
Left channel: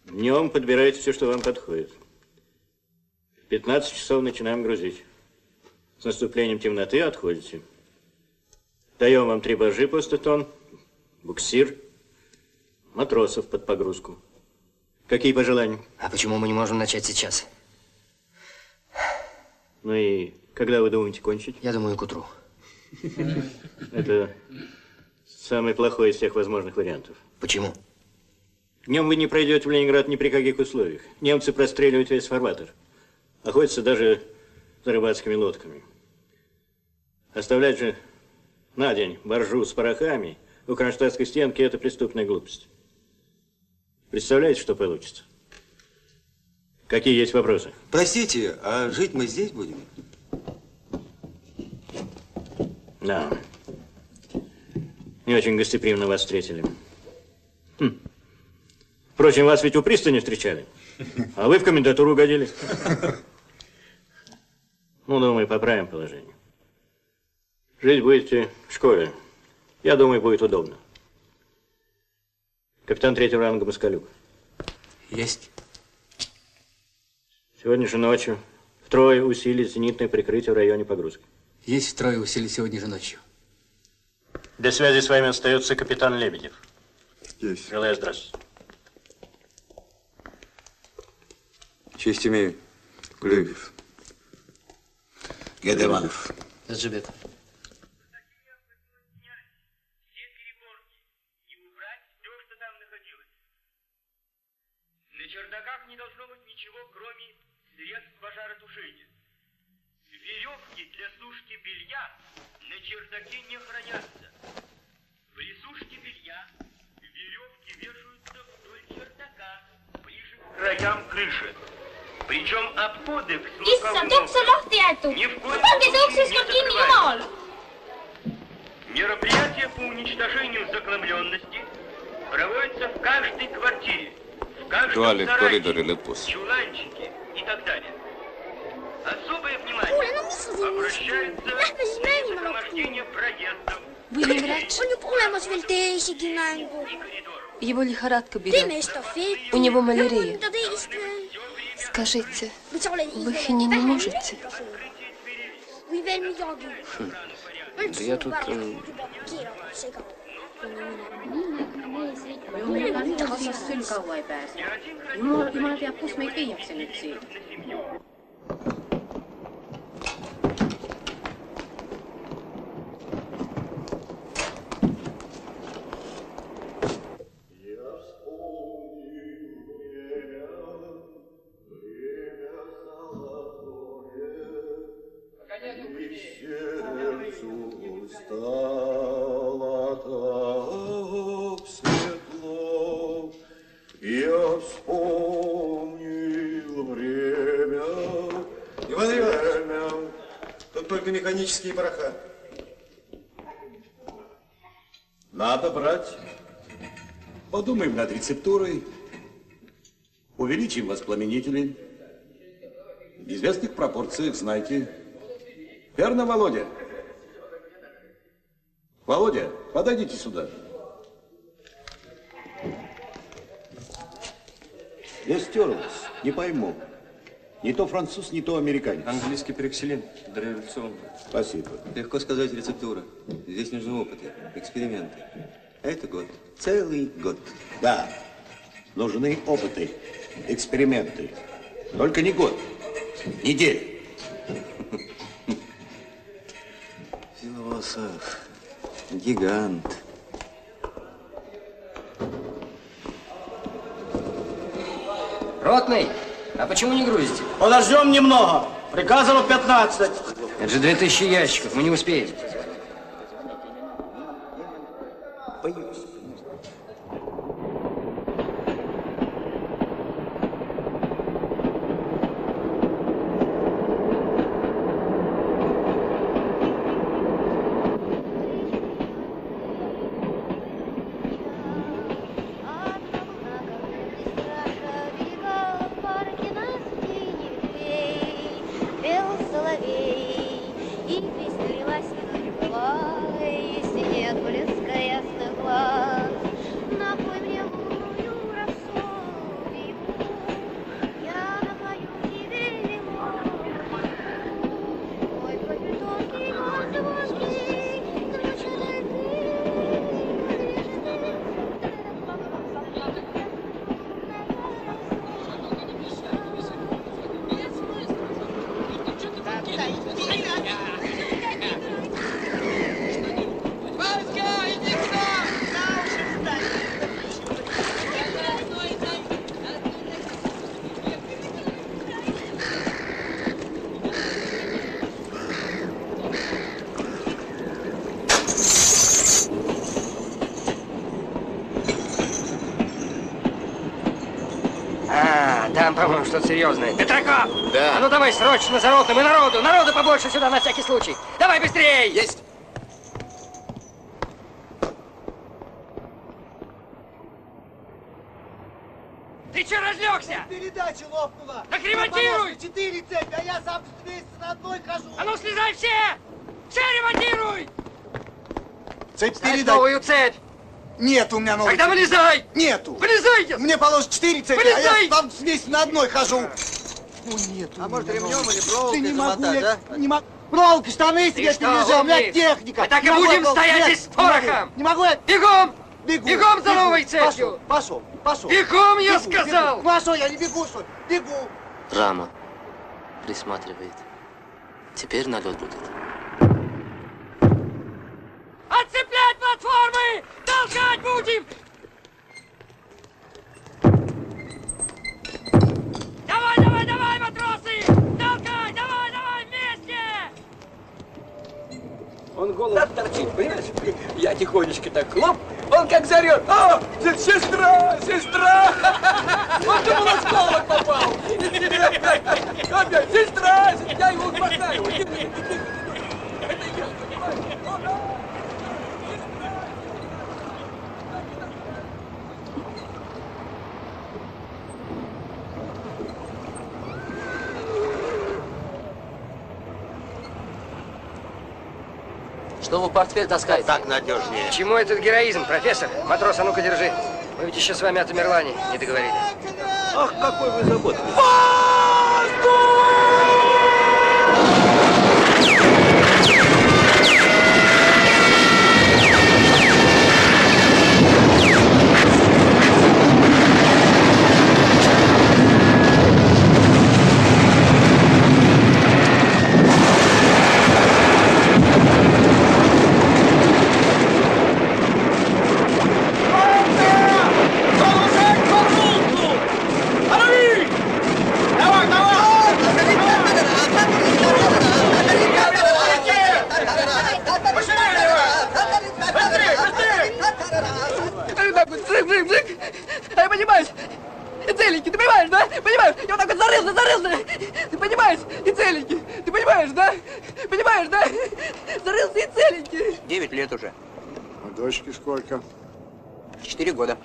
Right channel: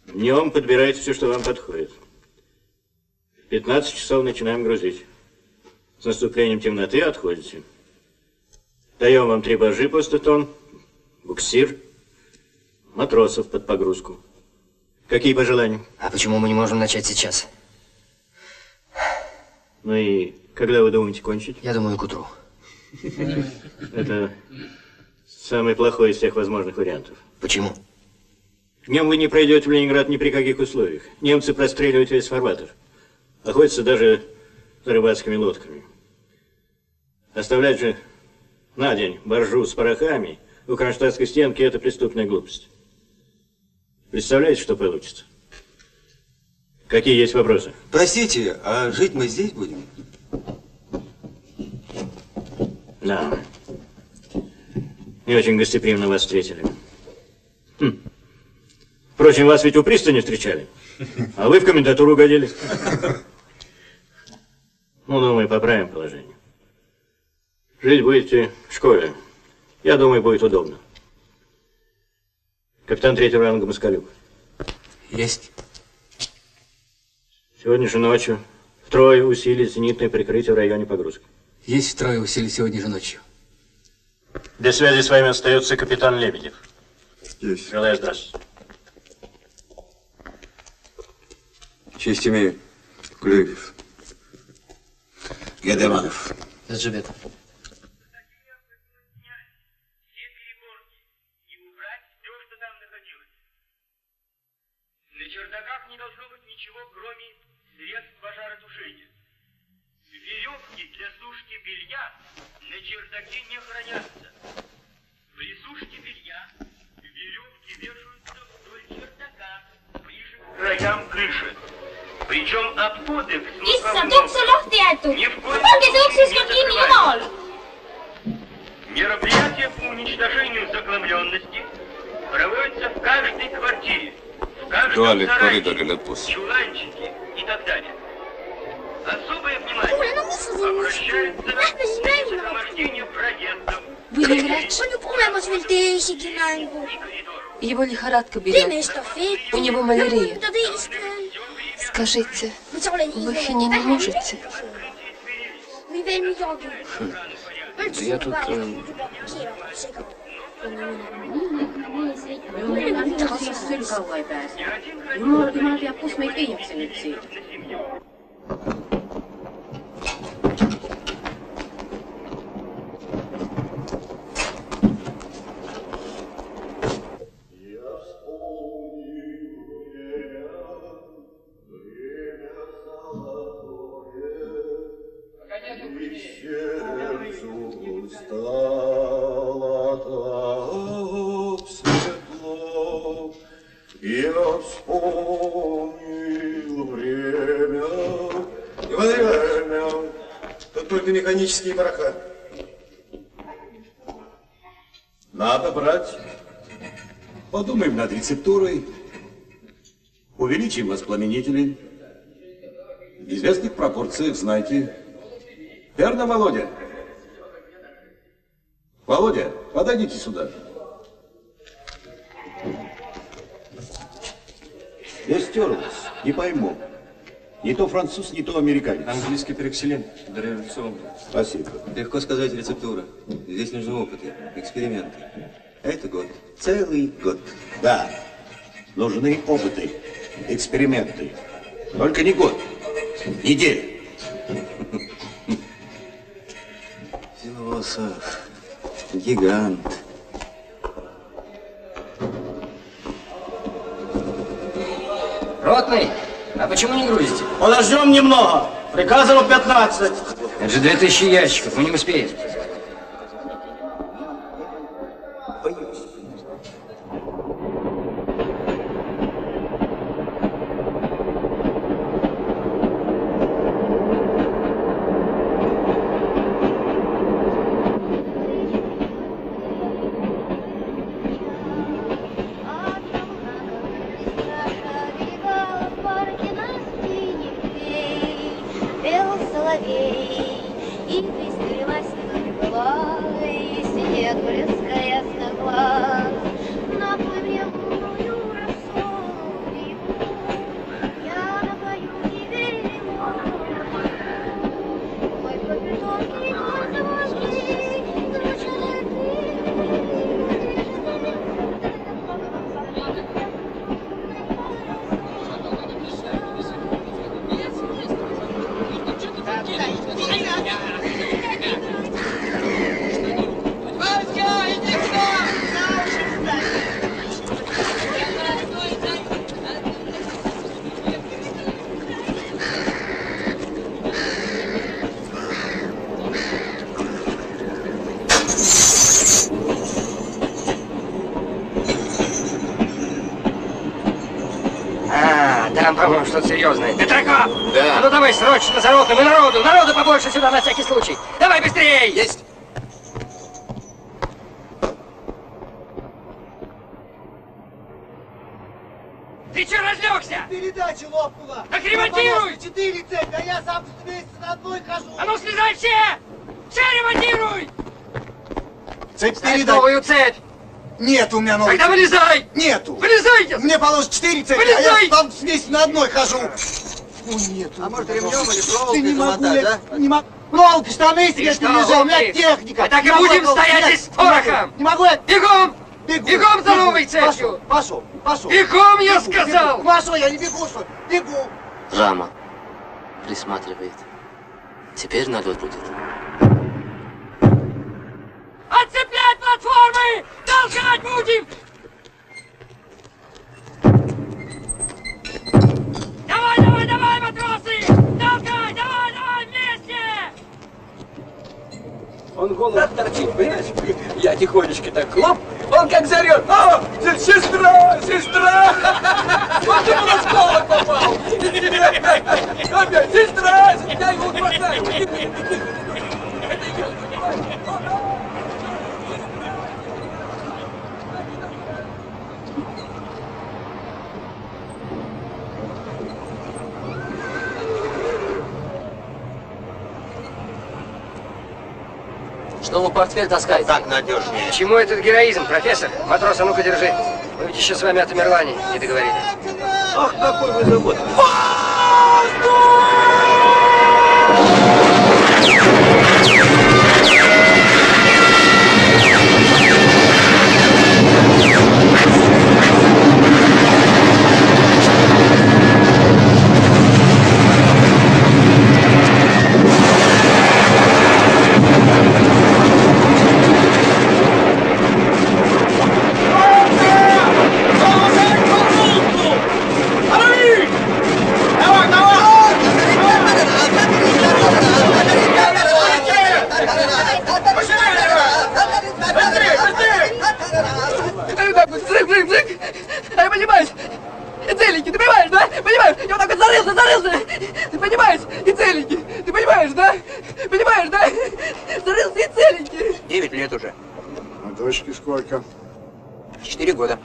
Днем подбирайте все, что вам подходит. В 15 часов начинаем грузить. С наступлением темноты отходите. Даем вам 3 баржи по 100 тонн, буксир, матросов под погрузку. Какие пожелания? А почему мы не можем начать сейчас? Ну и когда вы думаете кончить? Я думаю, к утру. Это самый плохой из всех возможных вариантов. Почему? Днем вы не пройдете в Ленинград ни при каких условиях. Немцы простреливают весь фарватер. Охотятся даже за рыбацкими лодками. Оставлять же на день баржу с порохами у кронштадтской стенки – это преступная глупость. Представляете, что получится? Какие есть вопросы? Простите, а жить мы здесь будем? Да. Не очень гостеприимно вас встретили. Впрочем, вас ведь у пристани встречали, а вы в комендатуру угодили. Ну, думаю, поправим положение. Жить будете в школе. Я думаю, будет удобно. Капитан 3-го ранга Москалюк. Есть. Сегодня же ночью втрое усилить зенитное прикрытие в районе погрузки. Есть втрое усилий сегодня же ночью. Для связи с вами остается капитан Лебедев. Есть. Желаю здравствуйте. Честь имею. Лебедев. Гедеманов. Джебет. На чердаках не должно быть ничего, кроме средств пожаротушения. Веревки для сушки белья на чердаке не хранятся. При сушке белья веревки вешаются вдоль чердака, ближе к краям крыши. Причем обходы к слуховым окнам ни в коем случае туалет в коридоре Лепус. чуланчики и так далее. Особое внимание обращается при сопровождении проездов. Вы не врач? Его лихорадка берет. У него малярия. Скажите, вы хини не можете? Да я тут... Jumala teab, kus meid viiakse nüüd siia. Стало так светло, я вспомнил время. Иван Иванович, тут только механические пороха. Надо брать. Подумаем над рецептурой. Увеличим воспламенители. В известных пропорциях, знаете. Верно, Володя? Володя, подойдите сюда. Я стерлась, не пойму. Не то француз, не то американец. Английский перекселин, дореволюционный. Спасибо. Легко сказать рецептура. Здесь нужны опыты, эксперименты. А это год. Целый год. Да, нужны опыты, эксперименты. Только не год, неделя. Философ, гигант. Ротный, а почему не грузите? Подождем немного. Приказано 15. Это же 2000 ящиков, мы не успеем. Там, по-моему, что-то серьезное. Петраков! Да. А ну давай срочно за ротным и народу побольше сюда на всякий случай. Давай быстрей! Есть! Ты че разлегся? Передача лопнула. Так ремонтируй! 4 цепи, а я сам с месяца на одной хожу. А ну слезай все! Все ремонтируй! Цепь Ставь передай. новую цепь! Нет у меня новой. Тогда вылезай! Нету. Вылезай! Мне положено 4 цепи, Вылезай! а я там с месяца на одной хожу. Ну нет. А может ремнем или проволокой не могу, замотать, я а? не могу. Проволоки, штаны себе что, перележал, у меня умник? техника. Мы так и Не могу будем я стоять нет, здесь с порохом! Не могу я. Бегом! Бегу. Бегом за бегу. новой цепью! Пошел. Бегом, я Бегу, сказал! бегу. Пошел, я не бегу, что ли? Бегу. Рама присматривает. Теперь налет будет. Отцеплять платформы! Толкать будем! Давай, матросы! Толкай! Давай, вместе! Он голову торчит, понимаешь? Я тихонечко так хлоп, он как зарет. О, сестра! Он думал, он с палок попал. Опять, сестра! Я его хватаю. Это я, понимаешь? Что вы портфель таскаете? Так надежнее. К чему этот героизм, профессор? Матрос, а ну-ка держи. Мы ведь еще с вами о Тамерлане не договорили. Ах, какой вы заботливый. Я понимаешь, и целенький, ты понимаешь, да? Понимаешь, я вот так вот зарылся, ты понимаешь, и целенький, ты понимаешь, да? Понимаешь, да? Зарылся и целенький. 9 лет уже. А дочке сколько? 4 года.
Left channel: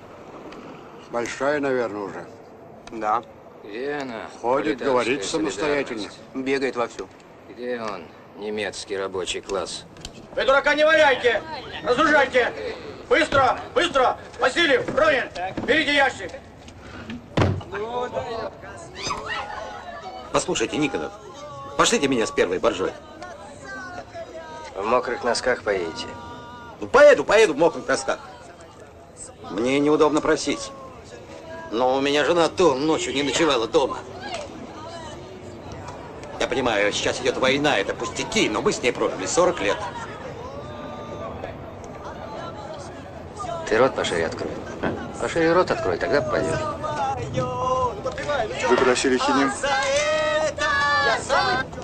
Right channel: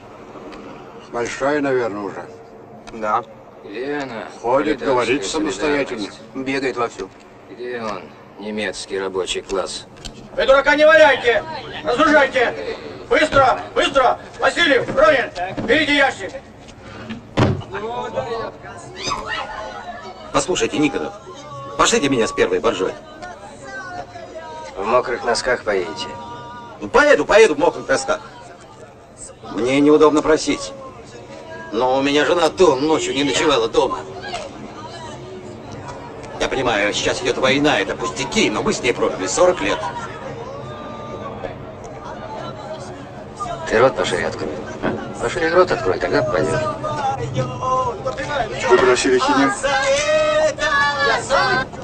Большая, наверное, уже. Да. Где она? Ходит, Пролетарская говорит самостоятельно. солидарность? Бегает вовсю. Где он? Немецкий рабочий класс. Вы дурака не валяйте! Разгружайте! Быстро! Быстро! Васильев! Ронин! Берите ящик! Послушайте, Никонов, пошлите меня с первой боржой. В мокрых носках поедете? Ну, поеду в мокрых носках. Мне неудобно просить. Но у меня жена ночью не ночевала дома. Я понимаю, сейчас идет война, это пустяки, но мы с ней прожили 40 лет. Ты рот пошире открой. Пошире рот открой, тогда попадешь. Вы просили хинин?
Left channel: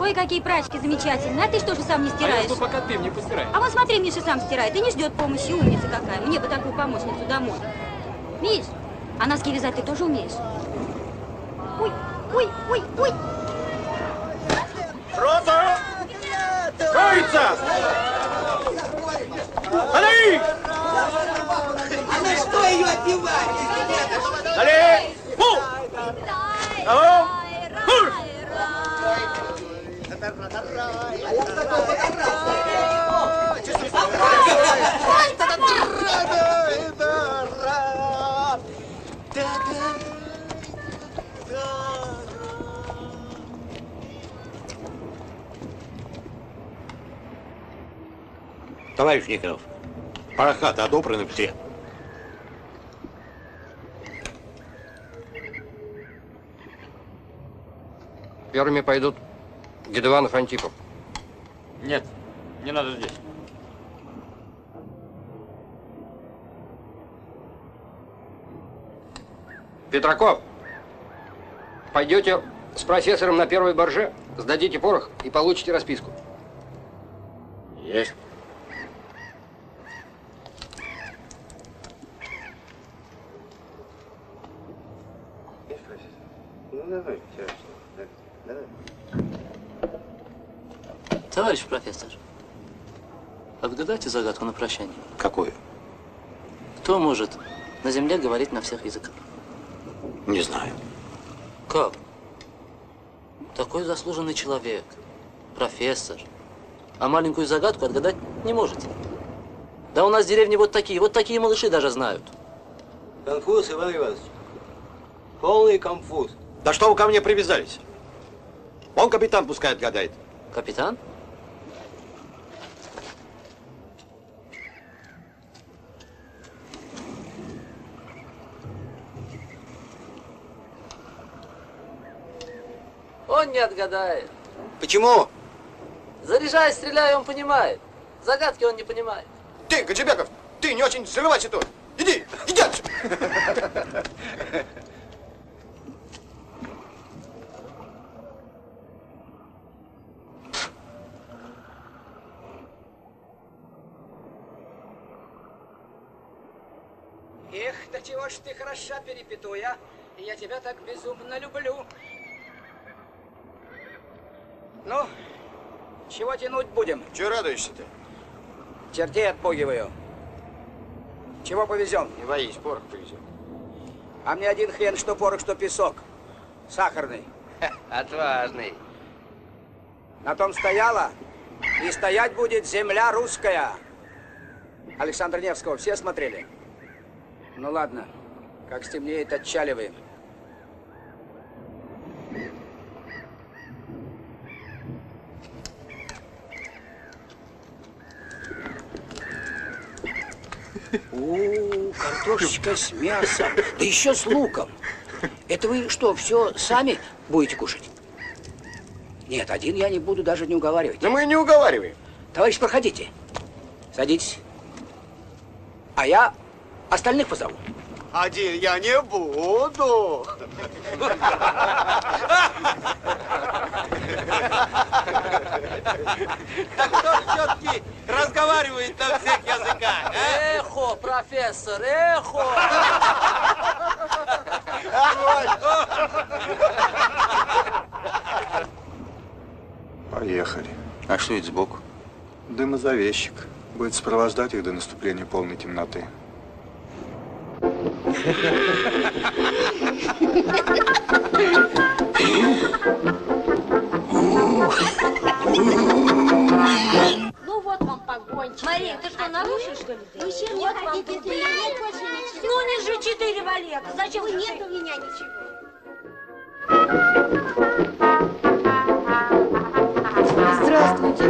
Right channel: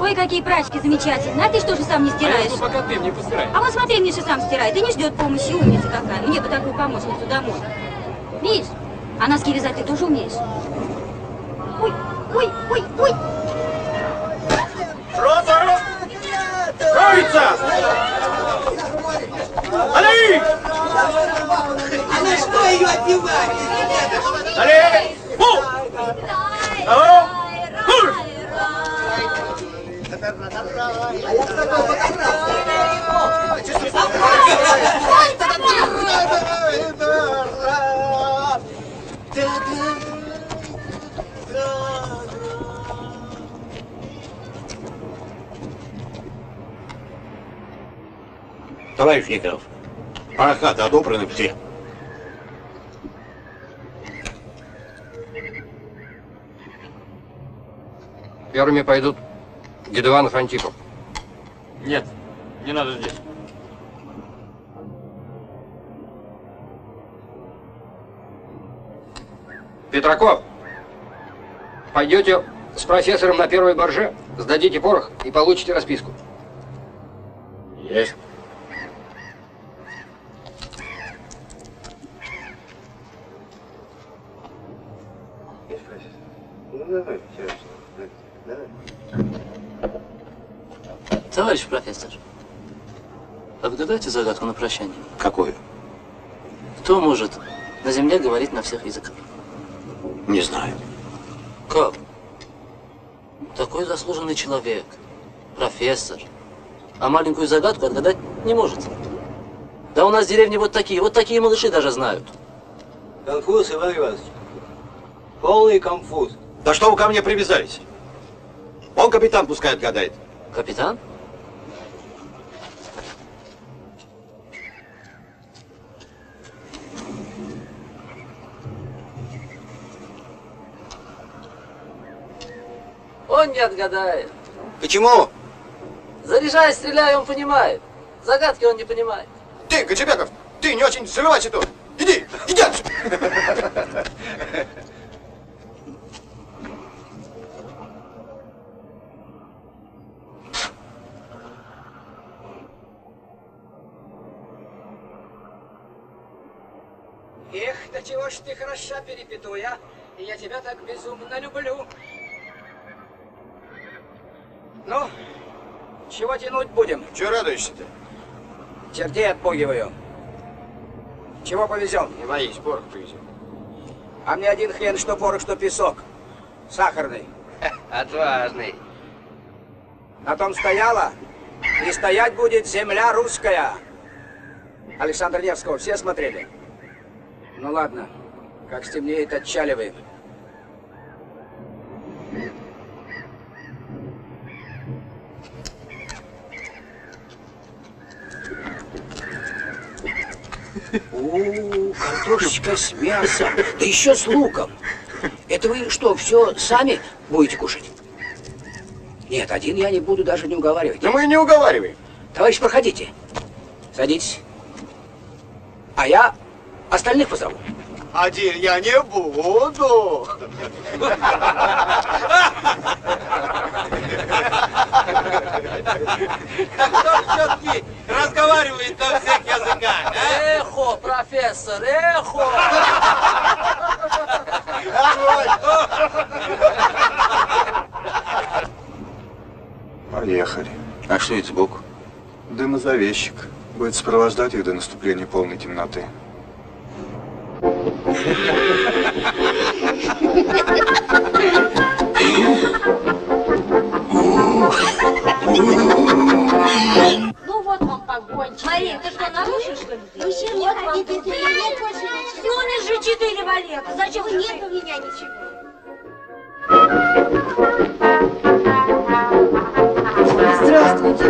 Ой, какие прачки замечательные. А ты что же сам не стираешь? пока ты мне постирай. А вон смотри, Миша сам стирает и не ждет помощи. Умница какая. Мне бы такую помощницу домой. Миш, а носки вязать ты тоже умеешь? Ой, ой, ой, ой. Рота! Троица! Али! А на что ее отбивать? Али! Пу! Алло! Хур! Товарищ Никонов, парохаты отобраны все. Первыми пойдут Гедуанов, Антипов. Нет, не надо здесь. Петраков, пойдете с профессором на первой борже, сдадите порох и получите расписку. Есть. Товарищ профессор, отгадайте загадку на прощание. Какую? Кто может на земле говорить на всех языках? Не знаю. Как? Такой заслуженный человек, профессор, а маленькую загадку отгадать не можете. Да у нас в деревне вот такие малыши даже знают. Конфуз, Иван Иванович. Полный конфуз. Да что вы ко мне привязались? Он капитан пускай отгадает. Капитан? Он не отгадает. Почему? Заряжай, стреляй, он понимает. Загадки он не понимает. Ты, Гаджибеков, ты не очень срывайся тут. Иди отсюда. Эх, да чего ж ты хороша, перепетуя. Я тебя так безумно люблю. Ну, чего тянуть будем? Чего радуешься-то? Чертей отпугиваю. Чего повезем? Не боись, порох повезем. А мне один хрен, что порох, что песок. Сахарный. Отважный. На том стояла, И стоять будет земля русская. Александра Невского все смотрели? Ну ладно, как стемнеет, отчаливаем. Картошечка с мясом, да еще с луком. Это вы что, все сами будете кушать? Нет, один я не буду даже не уговаривать. Да мы не уговариваем. Товарищ, проходите. Садитесь. А я остальных позову. Один я не буду. Так кто ж все-таки разговаривает на всех языках, а? Эхо, профессор, эхо! Поехали. А что это сбоку? Дымозавещик. Будет сопровождать их до наступления полной темноты. Ну вот вам погончик. Мария, ты что, нарушишь, что ли? Вы чем не хотите, если нет больше ничего? Ну, не же 4 валета. Зачем? Ну, нет у меня ничего. Здравствуйте.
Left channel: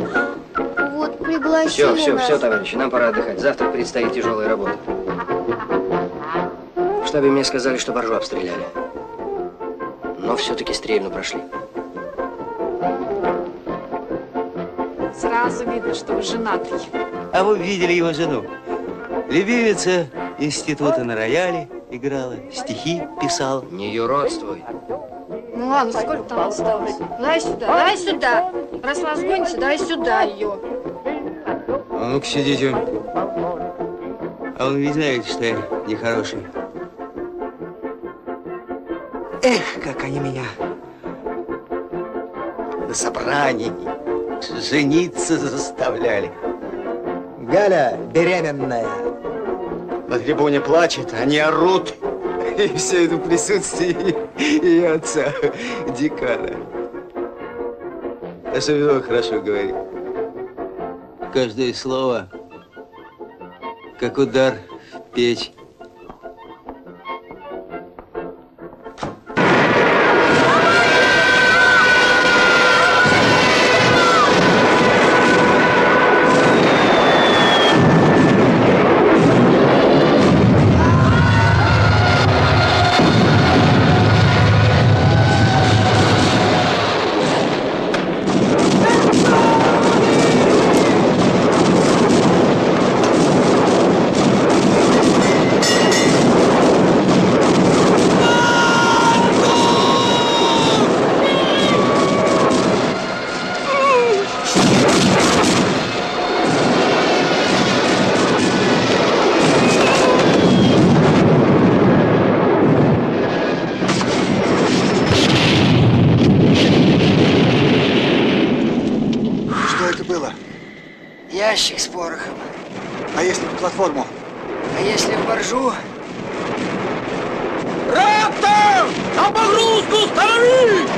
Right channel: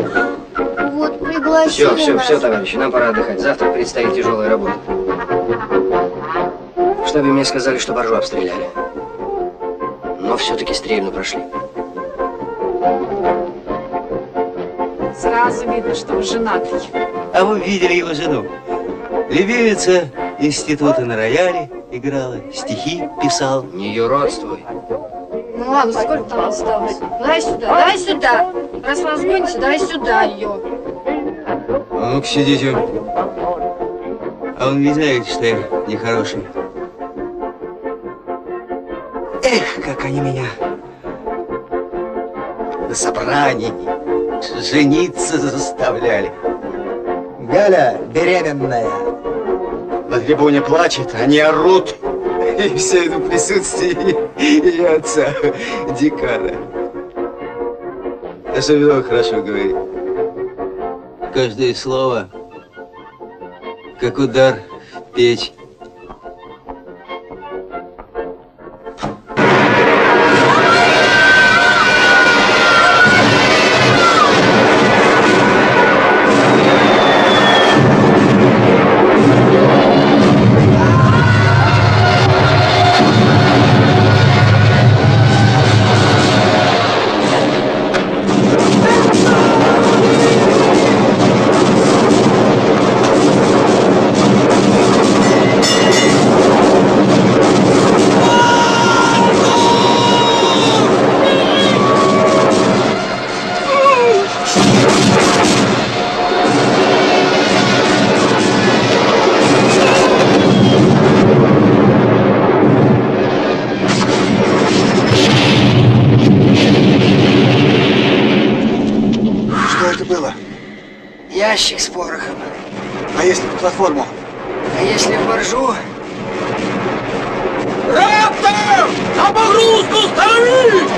Вот пригласили Все, товарищи, нам пора отдыхать. Завтра предстоит тяжелая работа. В штабе мне сказали, что боржу обстреляли. Но все-таки стрельну прошли. Сразу видно, что вы женатый. А вы видели его жену? Любимица института на рояле играла, стихи писала. Не юродствуй. Ну ладно, сколько там осталось? Дай сюда, дай сюда. Раз вас гоните, дай сюда ее. А ну-ка сидите. А вы ведь знаете, что я нехороший. Эх, как они меня на собрании жениться заставляли. Галя беременная. На трибуне плачет, они орут. И все это в присутствии ее отца, декана. Особенно хорошо говорит. Каждое слово, как удар в печь. Ящик с порохом. А если в платформу? А если в боржу? Рапта! На погрузку становись!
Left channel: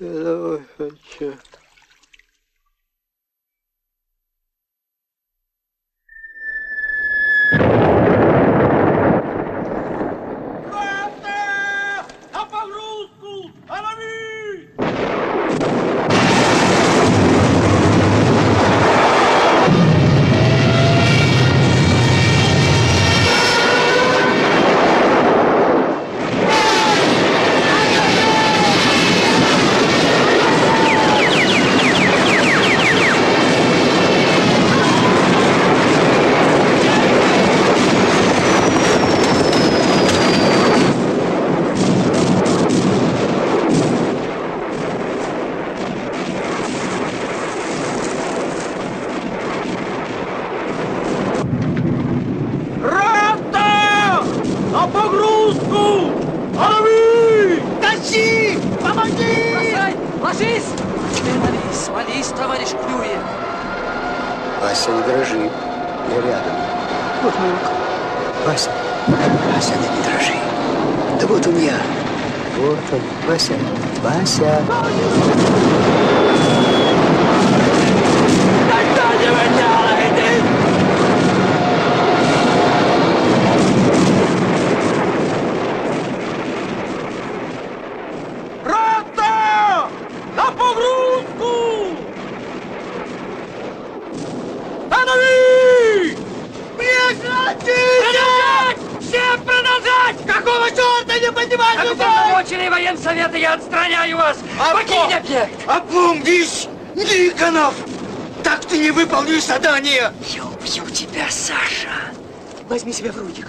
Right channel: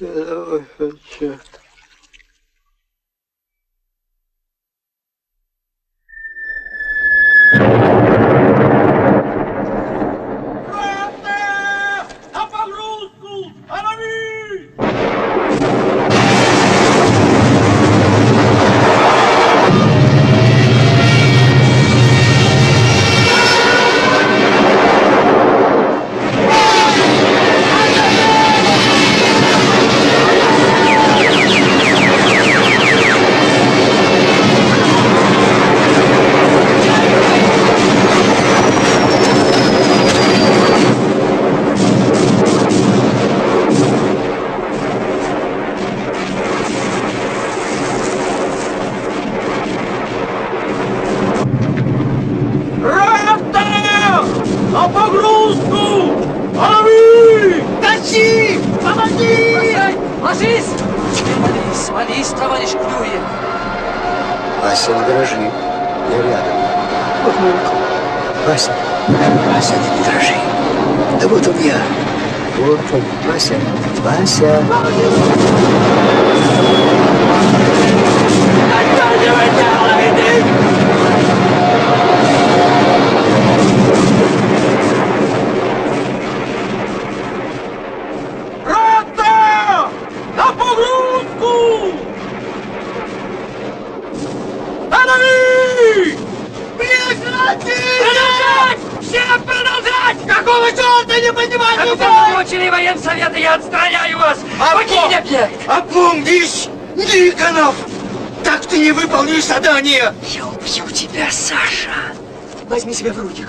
Давай, хочу. товарищ клюет. Вася, не дрожи. Я рядом. Вот мой руку. Вася. Вася, не дрожи. Да вот он я. Вот он. Вася. Вася. Рота! На погрузку! Останови! Прекратить! Всем продолжать! Какого черта не поднимайте руку? Уполномоченный военсовета, я отстраняю вас! Покинь объект! Опомнись, Никонов! Так ты не выполнишь задание! Я убью тебя, Саша! Возьми себя в руки.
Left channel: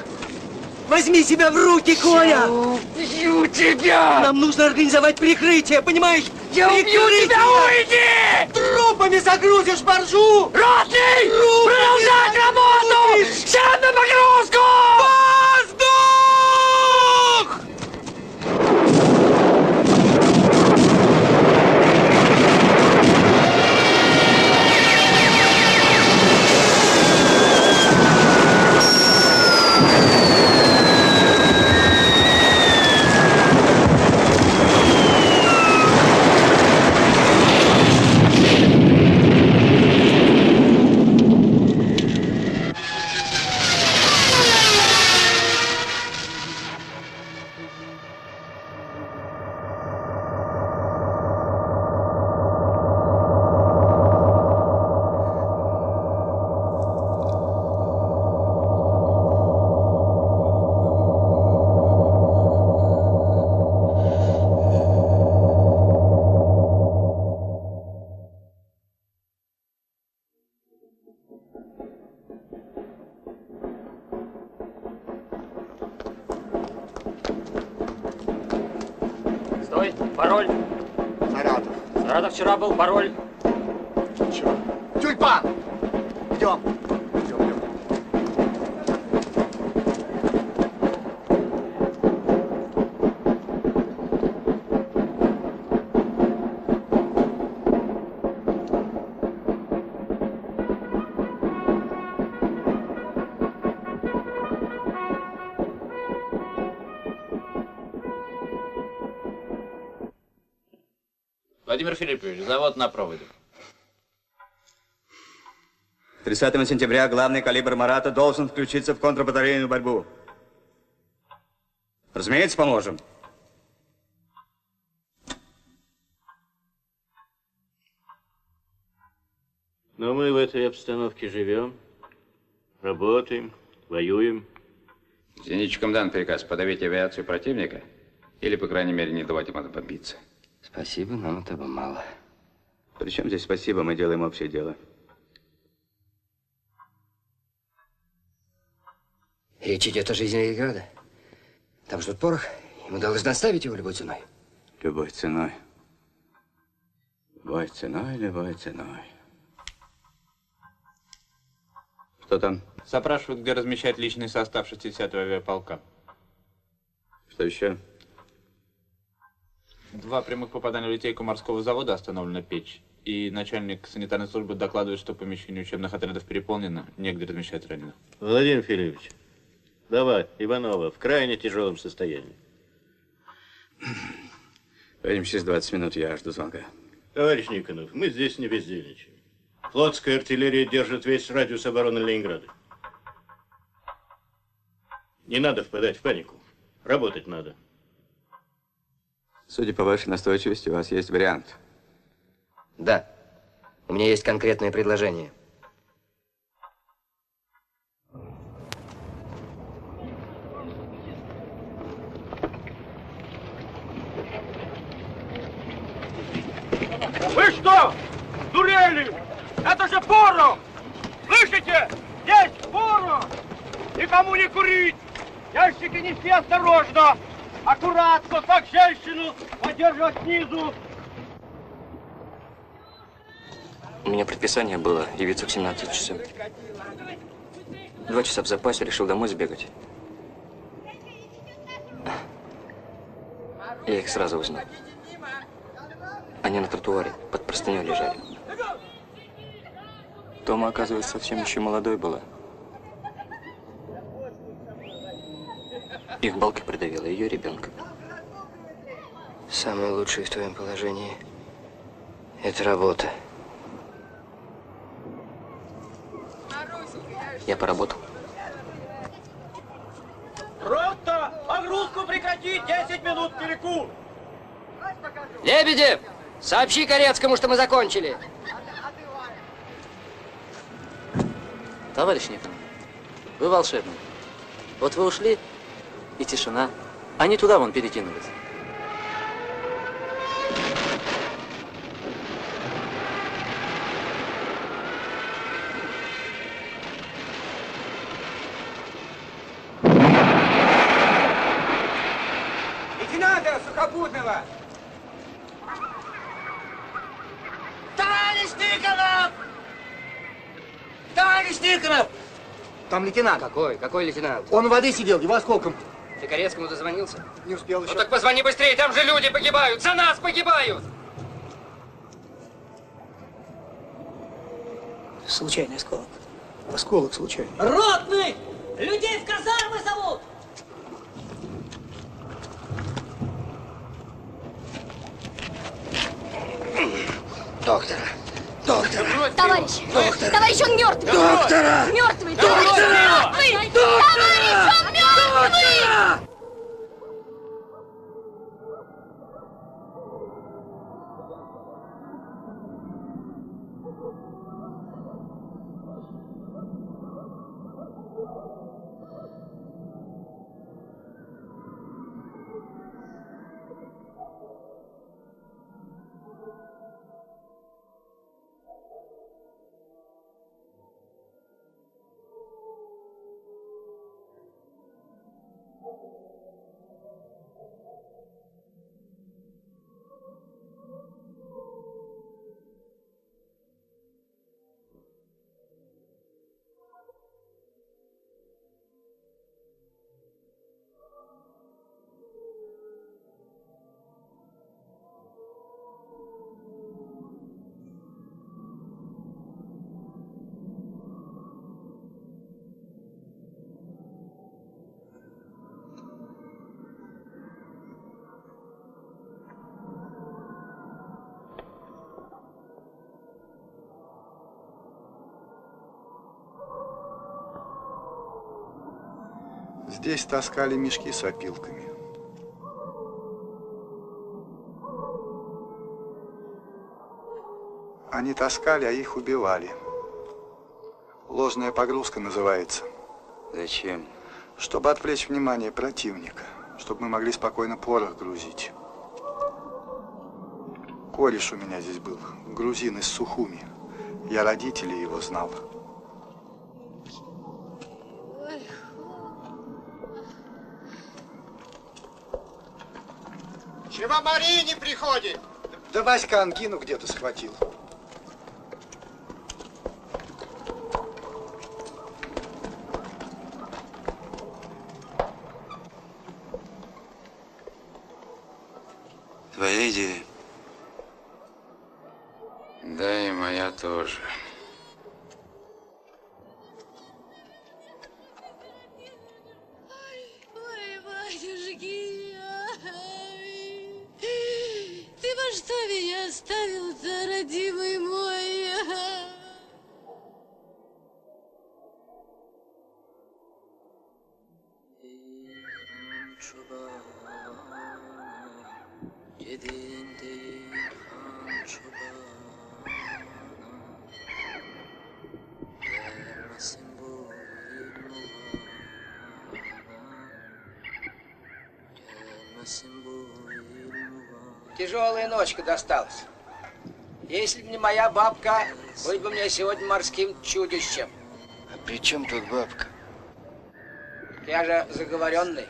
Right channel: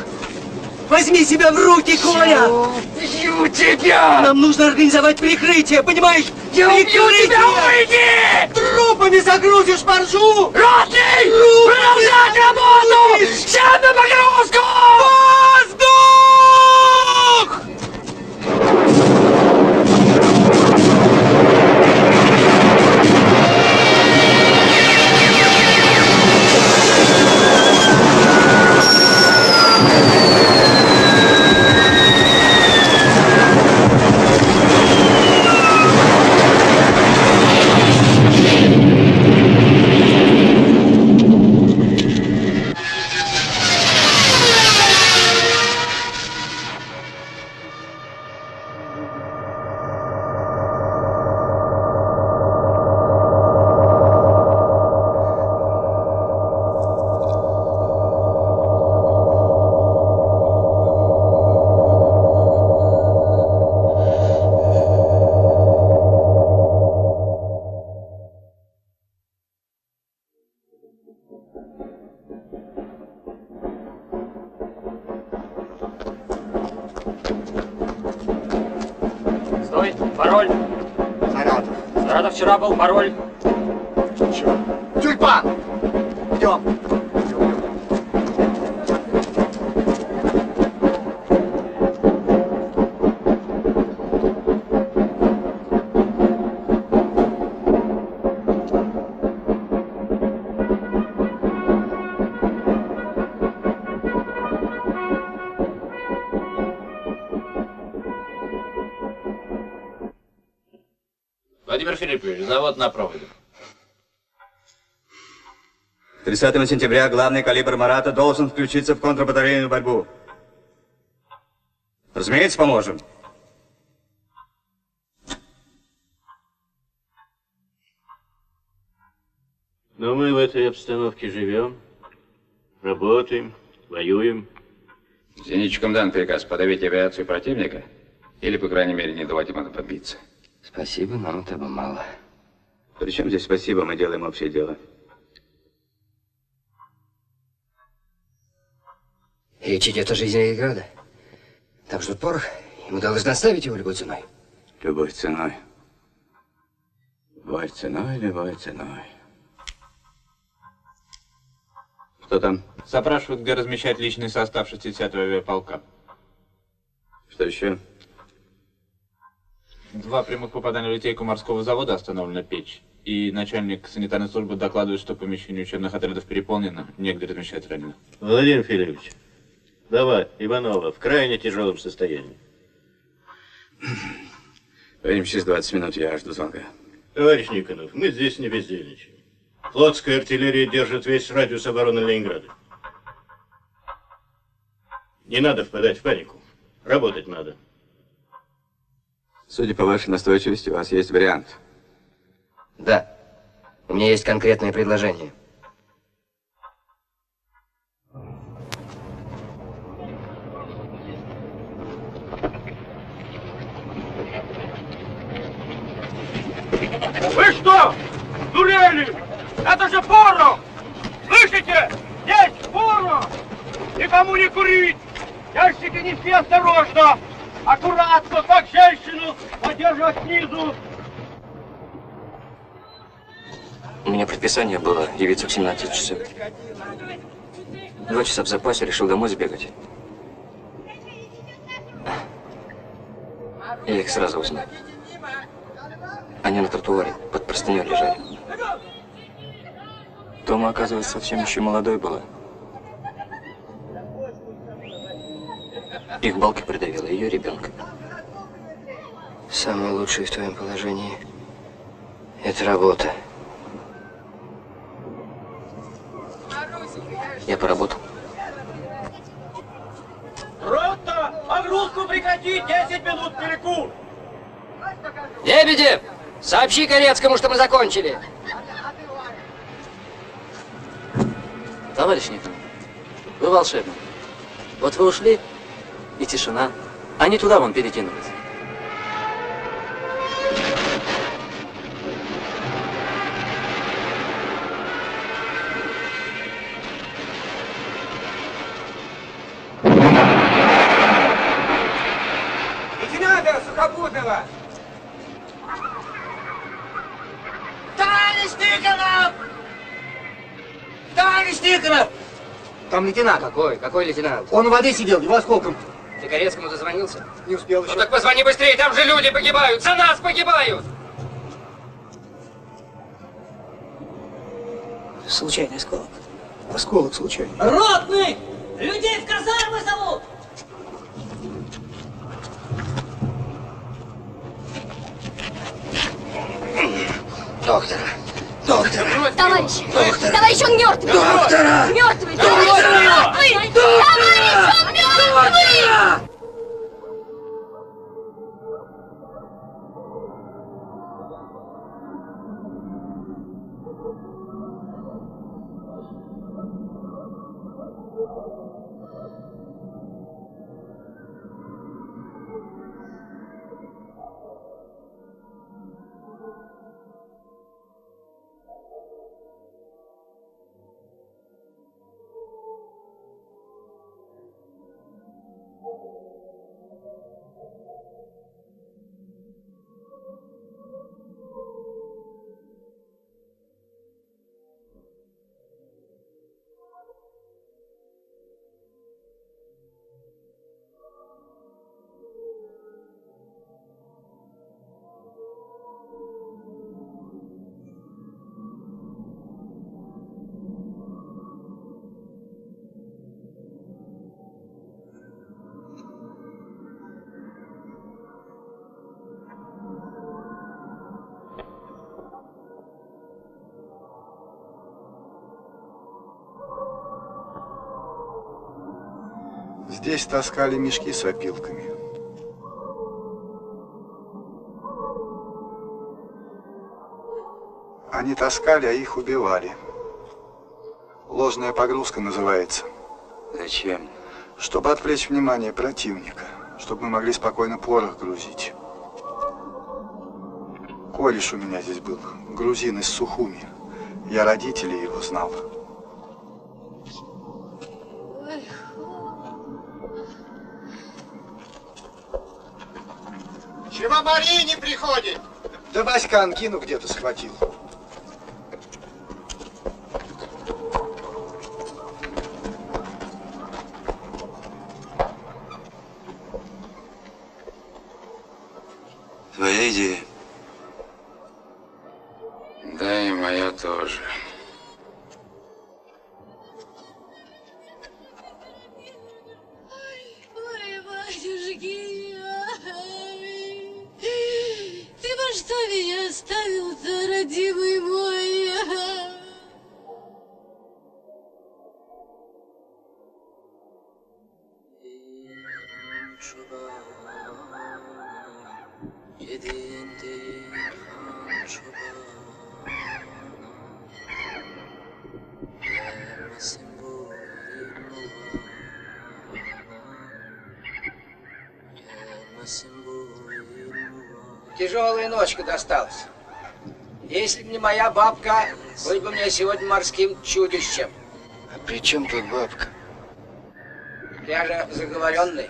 Возьми себя в руки, Коля! Убью тебя! Нам нужно организовать прикрытие, понимаешь? Я убью тебя, уйди! Трупами загрузишь боржу! Ротный! Продолжать работу! Всем на погрузку! Воздух! Стой, пароль. Саратов. Саратов вчера был, пароль. Чего? Тюльпан! Идем. Владимир Филиппович, завод на проводе. 30 сентября главный калибр Марата должен включиться в контрбатарейную борьбу. Разумеется, поможем. Но мы в этой обстановке живем, работаем, воюем. Зенитчикам дан приказ подавить авиацию противника или, по крайней мере, не давать им отбомбиться. Спасибо, нам этого мало. Причем здесь спасибо, мы делаем общее дело. Речь идет о жизни Ленинграда. Там ждут порох, и мы должны оставить его любой ценой. Любой ценой. Любой ценой, любой ценой. Что там? Запрашивают, где размещать личный состав 60-го авиаполка. Что еще? 2 прямых попадания в литейку морского завода, остановлена печь. И начальник санитарной службы докладывает, что помещение учебных отрядов переполнено, негде размещать раненых. Владимир Филиппович, давай, Иванова, в крайне тяжелом состоянии. Поедем через 20 минут, я жду звонка. Товарищ Никонов, мы здесь не бездельничаем. Флотская артиллерия держит весь радиус обороны Ленинграда. Не надо впадать в панику. Работать надо. Судя по вашей настойчивости, у вас есть вариант. Да. У меня есть конкретное предложение. Вы что, дурели? Это же порох! Слышите? Есть порох! Никому не курить! Ящики неси осторожно! Аккуратно, как женщину, поддерживать снизу! У меня предписание было явиться в 17 часов. 2 часа в запасе, решил домой сбегать. Я их сразу узнал. Они на тротуаре, под простыней лежали. Тома, оказывается, совсем еще молодой была. Их балкой придавила ее ребенка. Самое лучшее в твоем положении – это работа. Я поработал. Рота! Погрузку прекратить! 10 минут перекур! Лебедев, сообщи Корецкому, что мы закончили. Товарищ Никонов, вы волшебник. Вот вы ушли, и тишина. Они туда вон перекинулись. Лейтенанта Сухопутного! Товарищ Никонов! Товарищ Никонов! Там лейтенант. Какой? Какой лейтенант? Он у воды сидел, его осколком. Ты Корецкому дозвонился? Не успел еще. Ну так позвони быстрее, там же люди погибают! За нас погибают! Случайный осколок. Осколок случайный. Ротный! Людей в казармы зовут! Доктора! Доктора! Товарищ! Доктора! Товарищ, он мертвый! Доктора! Мертвый! Доктора! Товарищ, мертвый! Товарищ, он мертвый! Здесь таскали мешки с опилками. Они таскали, а их убивали. Ложная погрузка называется. Зачем? Чтобы отвлечь внимание противника, чтобы мы могли спокойно порох грузить. Кореш у меня здесь был, грузин из Сухуми. Я родителей его знал. Чего Мария не приходит? Да Васька ангину где-то схватил. Твоя идея? Да, и моя тоже. Ой, батюшки, ай, ты во что меня оставил-то, родимый мой? Тяжелая ночка досталась. Если бы не моя бабка, был бы мне сегодня морским чудищем. А при чем тут бабка? Я же заговоренный.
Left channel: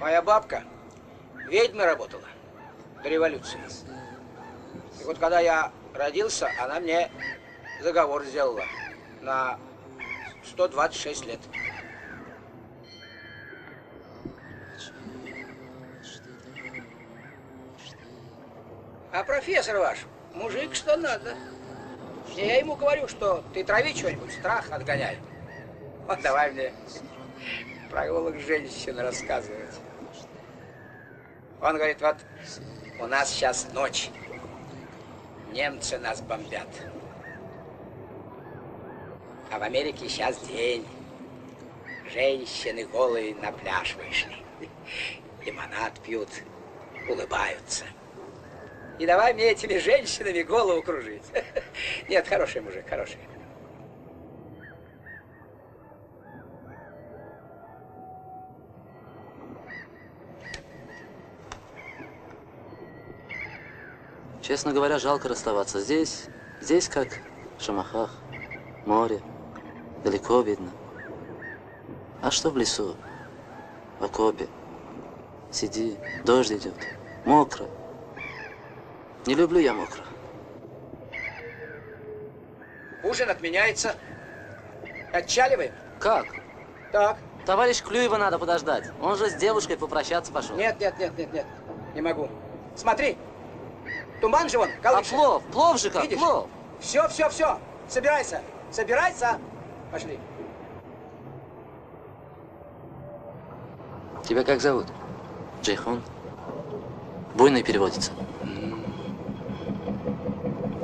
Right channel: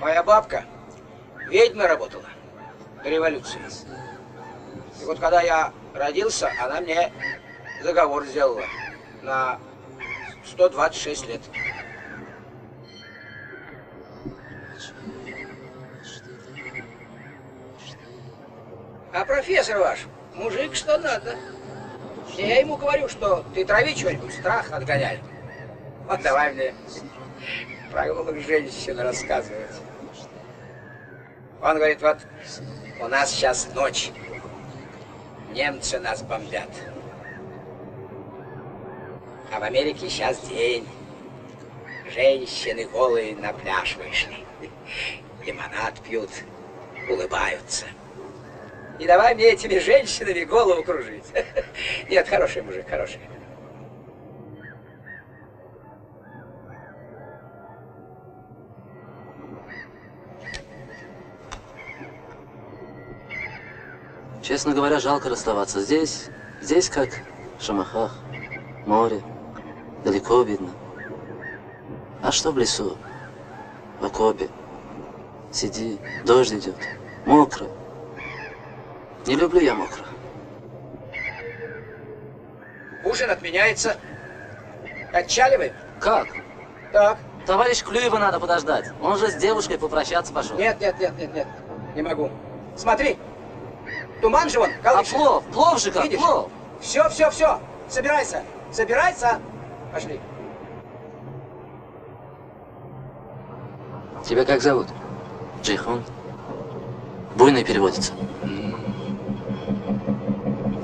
Моя бабка ведьмой работала до революции. И вот когда я родился, она мне заговор сделала на 126 лет. А профессор ваш, мужик что надо. Я ему говорю, что ты трави что-нибудь, страх отгоняй. Вот давай мне прогулок женщин рассказывать. Он говорит, вот у нас сейчас ночь. Немцы нас бомбят. А в Америке сейчас день. Женщины голые на пляж вышли. Лимонад пьют, улыбаются. И давай мне этими женщинами голову кружить. Нет, хороший мужик, хороший. Честно говоря, жалко расставаться. Здесь как в Шамахах, море, далеко видно. А что в лесу, в окопе? Сиди, дождь идет, мокро. Не люблю я мокро. Ужин отменяется. Отчаливаем? Как? Так. Товарищ Клюева надо подождать. Он же с девушкой попрощаться пошел. Нет. Не могу. Смотри. Туман же вон, колышет. А плов же как, видишь? плов. Все. Собирайся. Пошли. Тебя как зовут? Джейхон. Буйный переводится.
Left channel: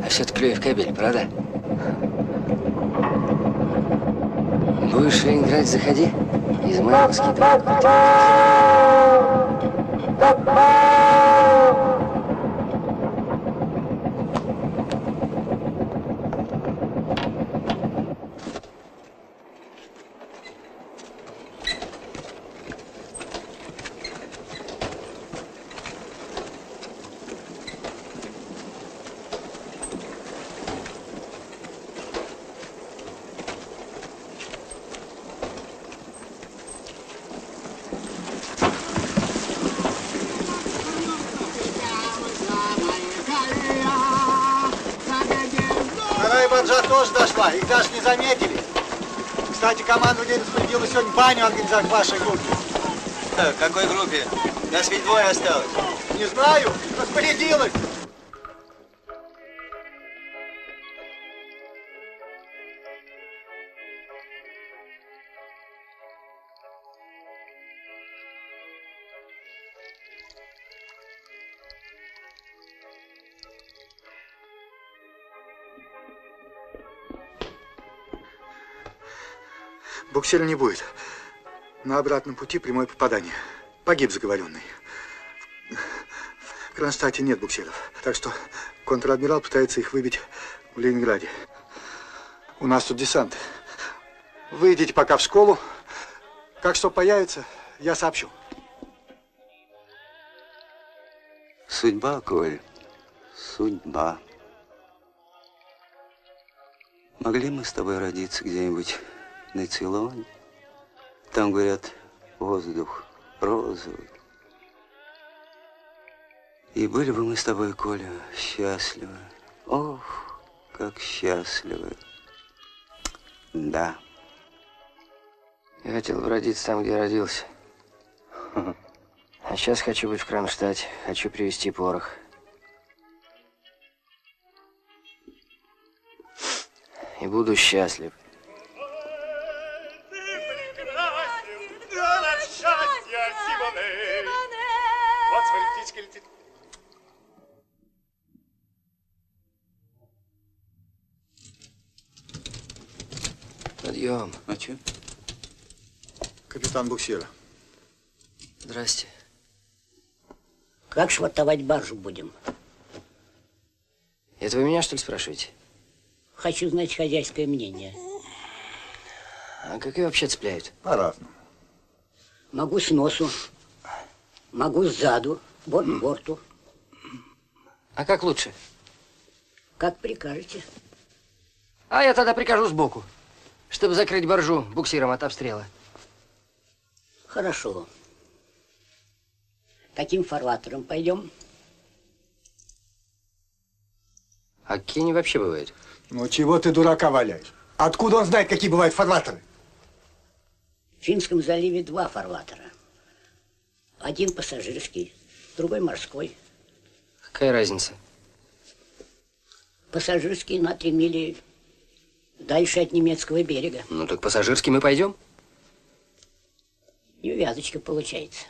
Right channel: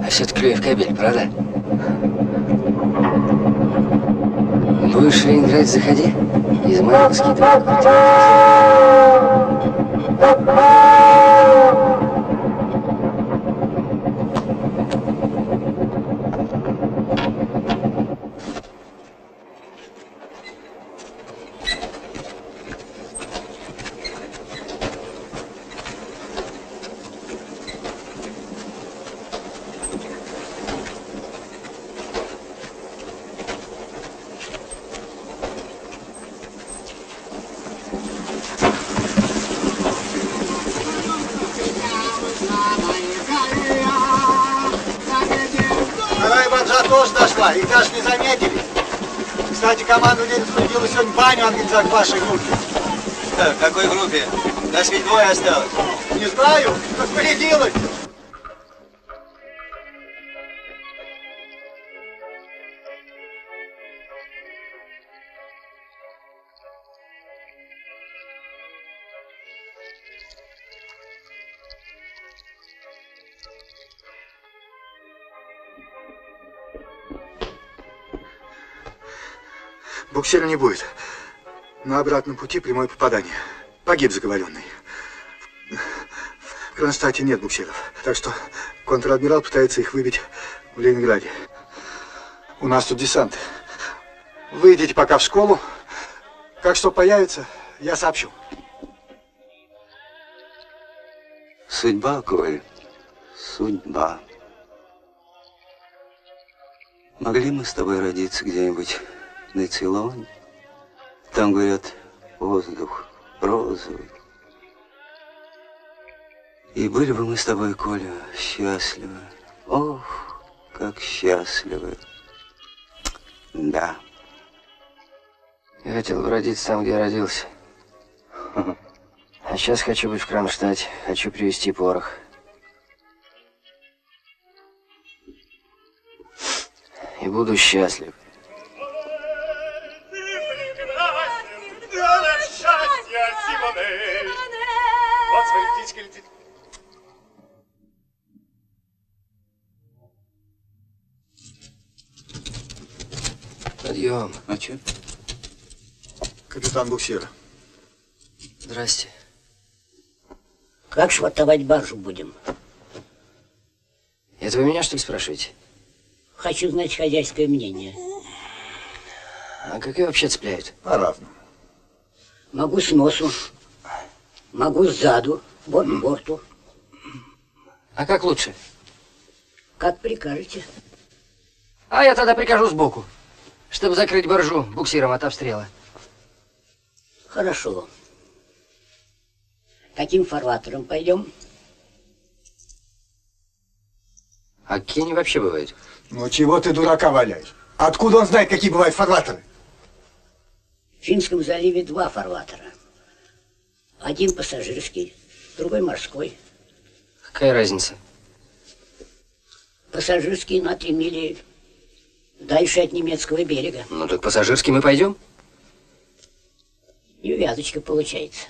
А все-таки Клюев кабель, правда? Будешь играть, заходи. Измайловский Вторая баржа тоже дошла, их даже не заметили. Кстати, командование распорядило сегодня баню организовать в вашей группе. В какой группе? Нас ведь двое осталось. Не знаю, распорядилось. Буксира не будет. На обратном пути прямое попадание. Погиб заговоренный. В Кронштадте нет буксиров. Так что контр-адмирал пытается их выбить в Ленинграде. У нас тут десант. Вы идите пока в школу. Как что появится, я сообщу. Судьба, Коль, судьба. Могли мы с тобой родиться где-нибудь на Цейлоне? Там, говорят, воздух розовый. И были бы мы с тобой, Коля, счастливы. Ох, как счастливы. Да. Я хотел бы родиться там, где родился. А сейчас хочу быть в Кронштадте. Хочу привезти порох. И буду счастлив. Вот смотри, птичка летит. Подъем. А че? Капитан буксира. Здрасте. Как швартовать баржу будем? Это вы меня, что ли, спрашиваете? Хочу знать хозяйское мнение. А как ее вообще цепляют? По-разному. Могу с носу, могу сзаду, борт к борту. А как лучше? Как прикажете. А я тогда прикажу сбоку, чтобы закрыть боржу буксиром от обстрела. Хорошо. Каким фарватером пойдем? А какие они вообще бывают? Ну чего ты дурака валяешь? Откуда он знает, какие бывают фарватеры? В Финском заливе 2 фарватера. Один пассажирский, другой морской. Какая разница? Пассажирский на 3 мили дальше от немецкого берега. Ну так пассажирский мы пойдем? Невязочка получается.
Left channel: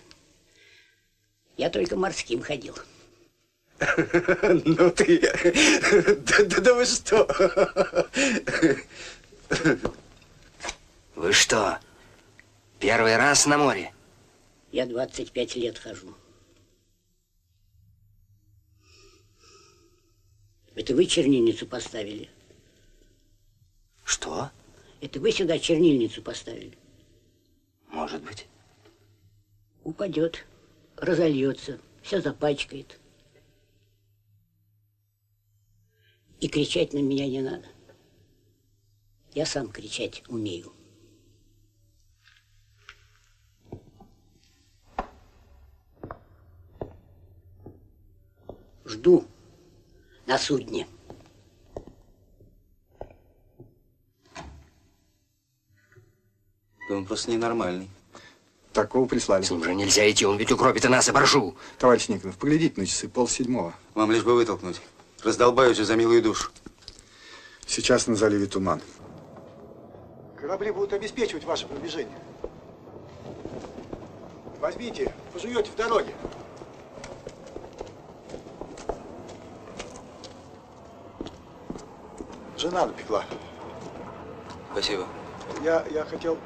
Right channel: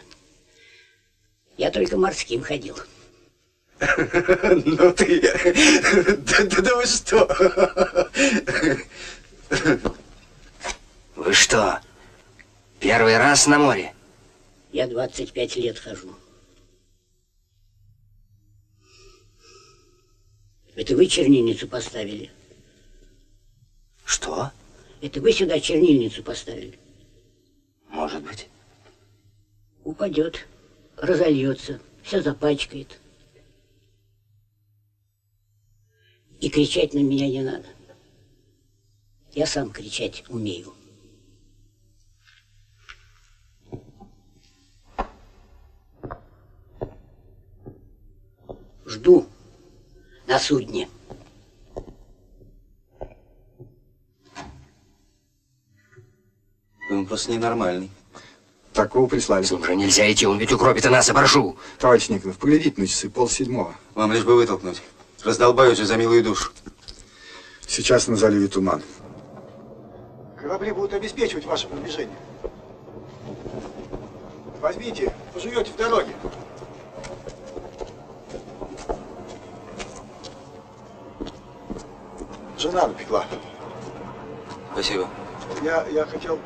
Я только морским ходил. Ну ты... Да вы что? Вы что, первый раз на море? Я 25 лет хожу. Это вы чернильницу поставили? Что? Это вы сюда чернильницу поставили? Может быть. Упадет, разольется, все запачкает. И кричать на меня не надо. Я сам кричать умею. Жду на судне. Да он просто ненормальный. Такого прислали. С ним же нельзя идти, он ведь укропит и нас, оборжу. Товарищ Никонов, поглядите на часы, 6:30. Вам лишь бы вытолкнуть. Раздолбают же за милую душу. Сейчас на заливе туман. Корабли будут обеспечивать ваше продвижение. Возьмите, пожуете в дороге. Жена напекла. Спасибо. Я хотел...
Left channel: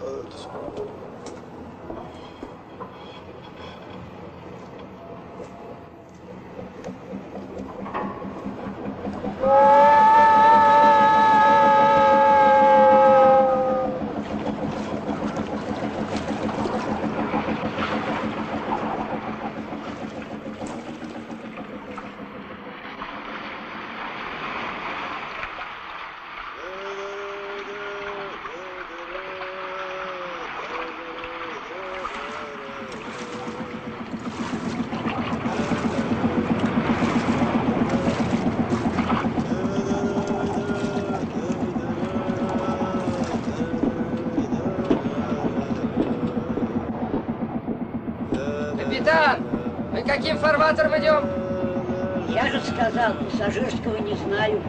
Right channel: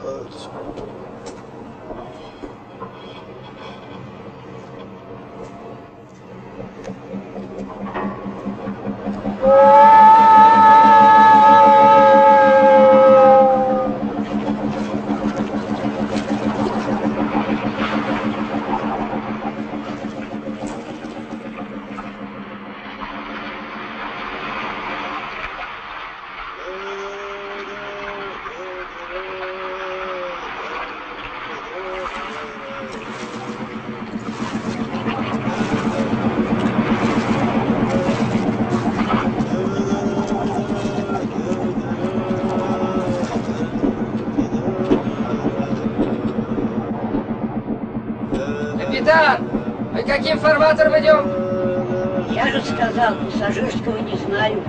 Капитан, мы каким фарватером идем? Я же сказал, пассажирского не знаю.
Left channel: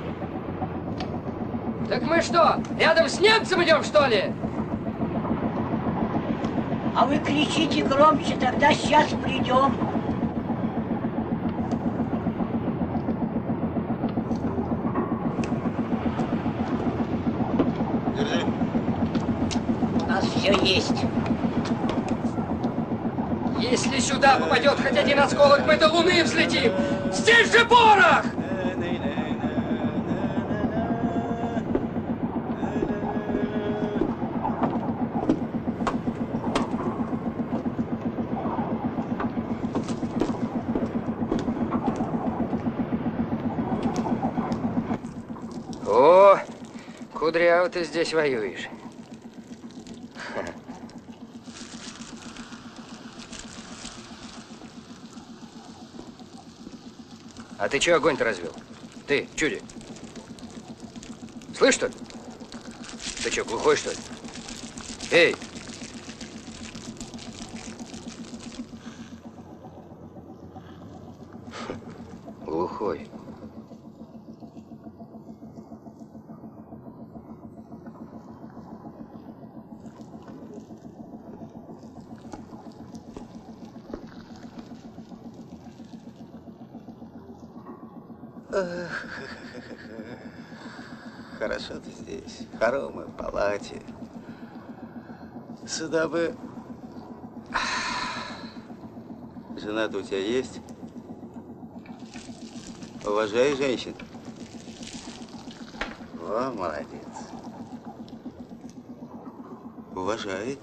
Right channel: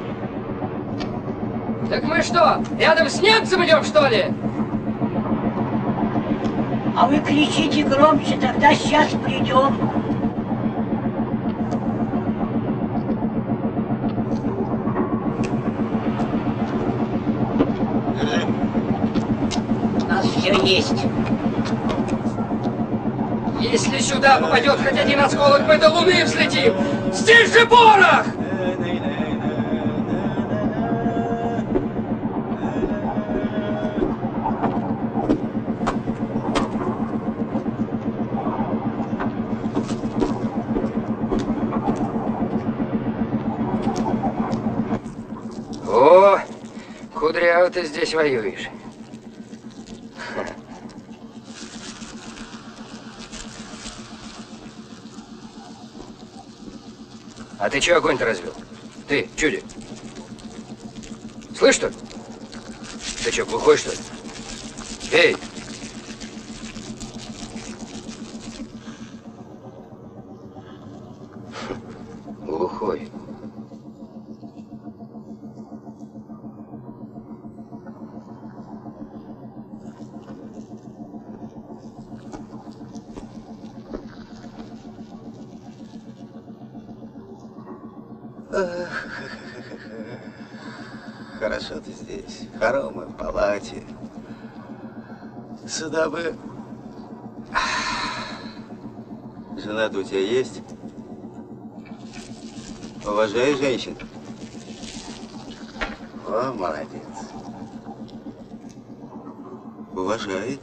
Так мы что, рядом с немцем идем, что ли? А вы кричите громче, тогда сейчас придем. Держи. У нас все есть. Если сюда попадет хоть один осколок, мы до Луны взлетим! Здесь же порох! О, кудряво ты здесь воюешь. А ты чего огонь-то развел? Ты, чуди. Слышь, что ли? Ты что, глухой, что ли? Эй! Глухой. Хорошо ты здесь, в хоромой палате. Сюда бы... Жена-то у тебя есть? Уважай женщин. Во, молодец. Уважает.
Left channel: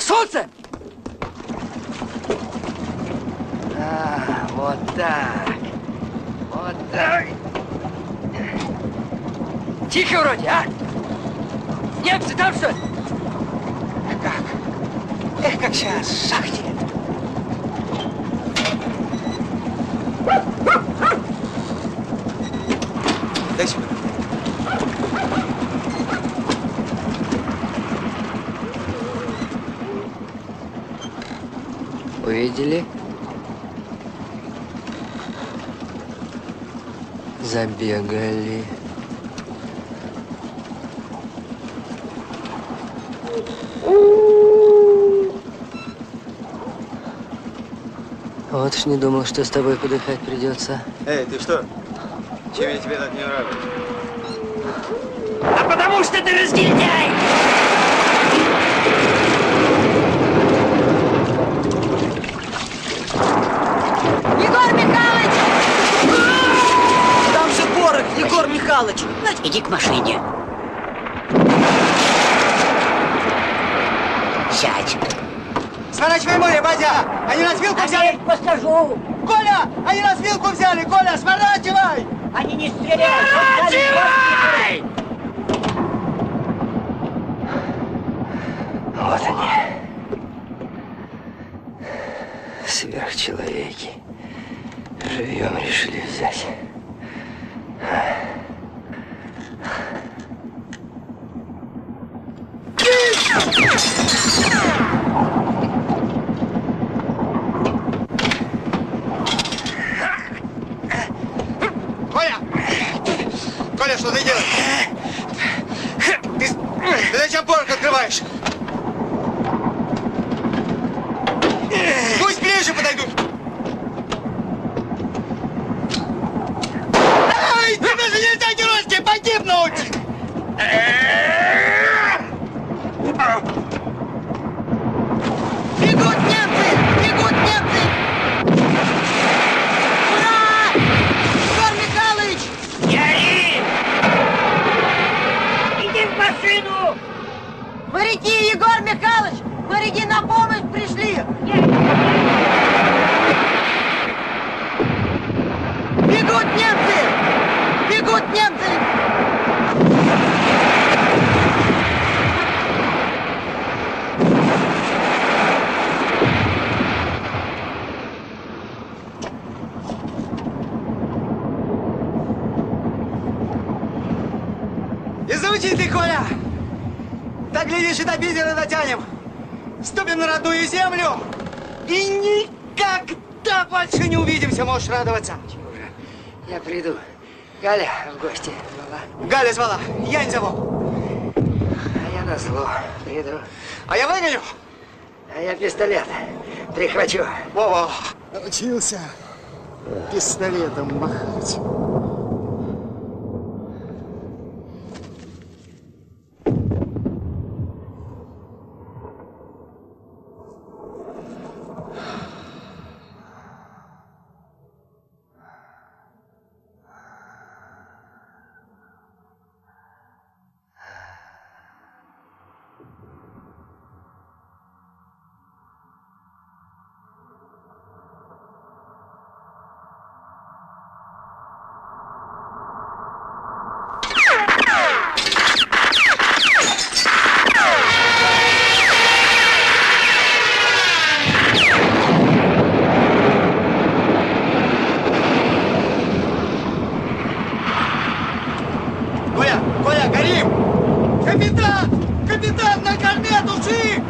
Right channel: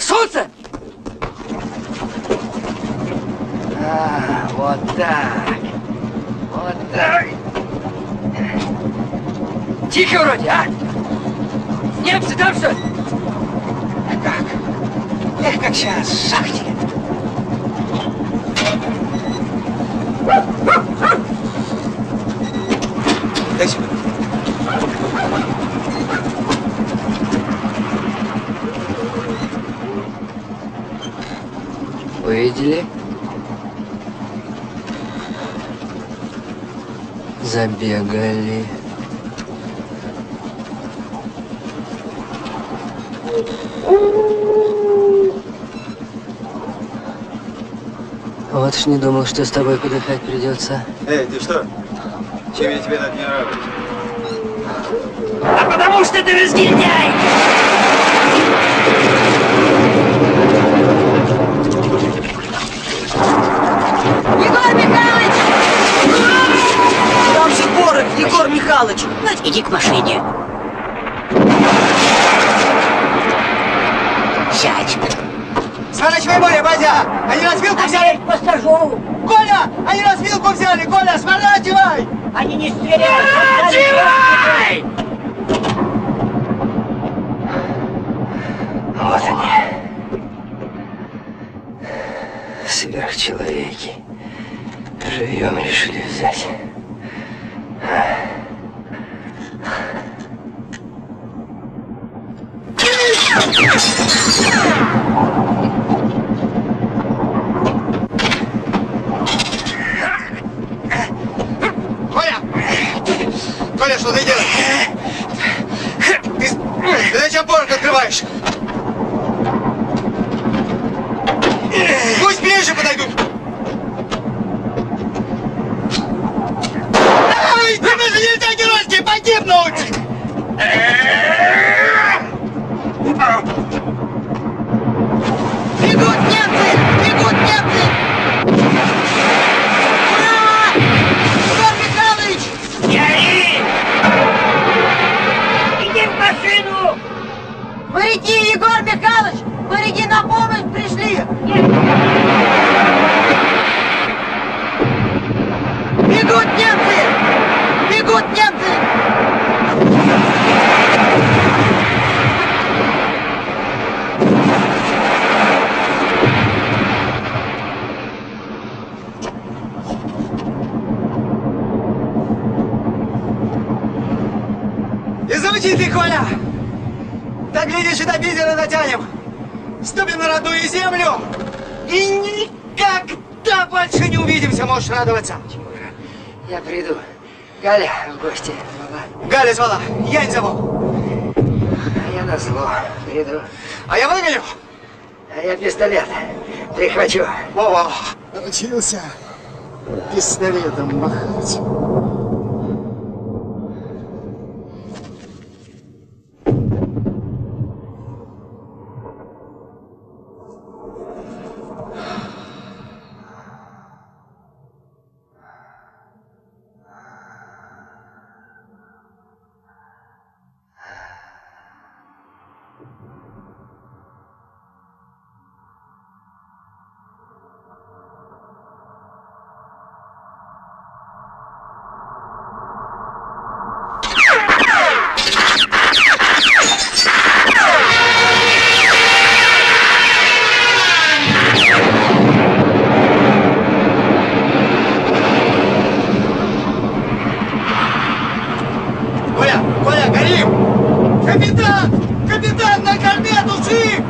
Солнце! А, вот так. Вот так. Тихо вроде, а? Немцы там что ли? Как? как сейчас, шахте. Дай сюда. Увидели? Забегали. Вот уж не думал, что с тобой подыхать придется. Эй, ты что? Чем я тебе так не нравлюсь? А потому что ты разгильдяй! Егор Михайлович! Там же порох, Егор Михайлович. Иди к машине. Сядь. Сворачивай море, Бадя! Они нас вилку взяли! Посажу. Коля! Они нас вилку взяли! Коля, сворачивай! Они не стреляют! Сворачивай! Вот они. Сверхчеловеки. Живьем решили взять. Коля! Коля, что ты делаешь? Ты зачем порох открываешь? Пусть ближе подойдут! Ай, тебе же нельзя геройски погибнуть! Бегут немцы! Бегут немцы! Ура! Егор Михайлович! Не ори! Иди в машину! Моряки, Егор Михайлович! Моряки на помощь пришли! Бегут немцы! Бегут немцы! Изучи ты, Коля! Так, глядишь, и до Питера дотянем. Ступим на родную землю и никогда больше не увидимся, можешь радоваться. Я приду. Галя в гости звала. Галя звала, я не зову. А я назло приду. А я выгоню. А я пистолет прихвачу. Во-во. Научился пистолетом махать. Коля, Коля, горим! Капитан! Капитан, на корме души!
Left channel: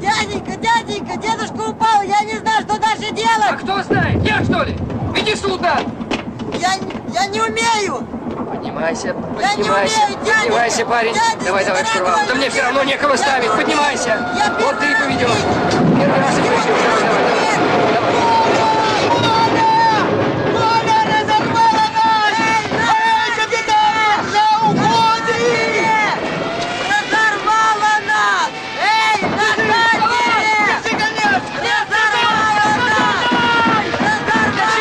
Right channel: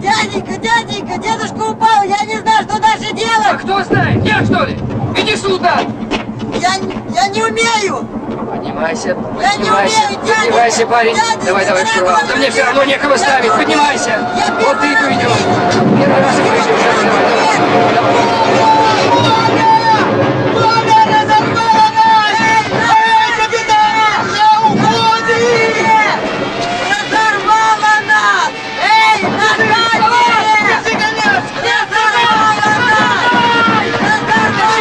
Дяденька, дяденька, дедушка упал, я не знаю, что дальше делать! А кто знает? Я, что ли? Иди сюда! Я не умею! Поднимайся, Я не поднимайся, умею, дядя! поднимайся, парень. Дядя, Давай, давай, дорогой, штурвал. Да мне все равно некого ставить. Поднимайся. Вот ты и поведешь. Первый раз и поведешь. Давай, давай, давай. Коля, разорвала нас! Эй, капитан, на уходе! Разорвала нас! Эй, назад! Держи конец! Разорвала нас! Разорвала!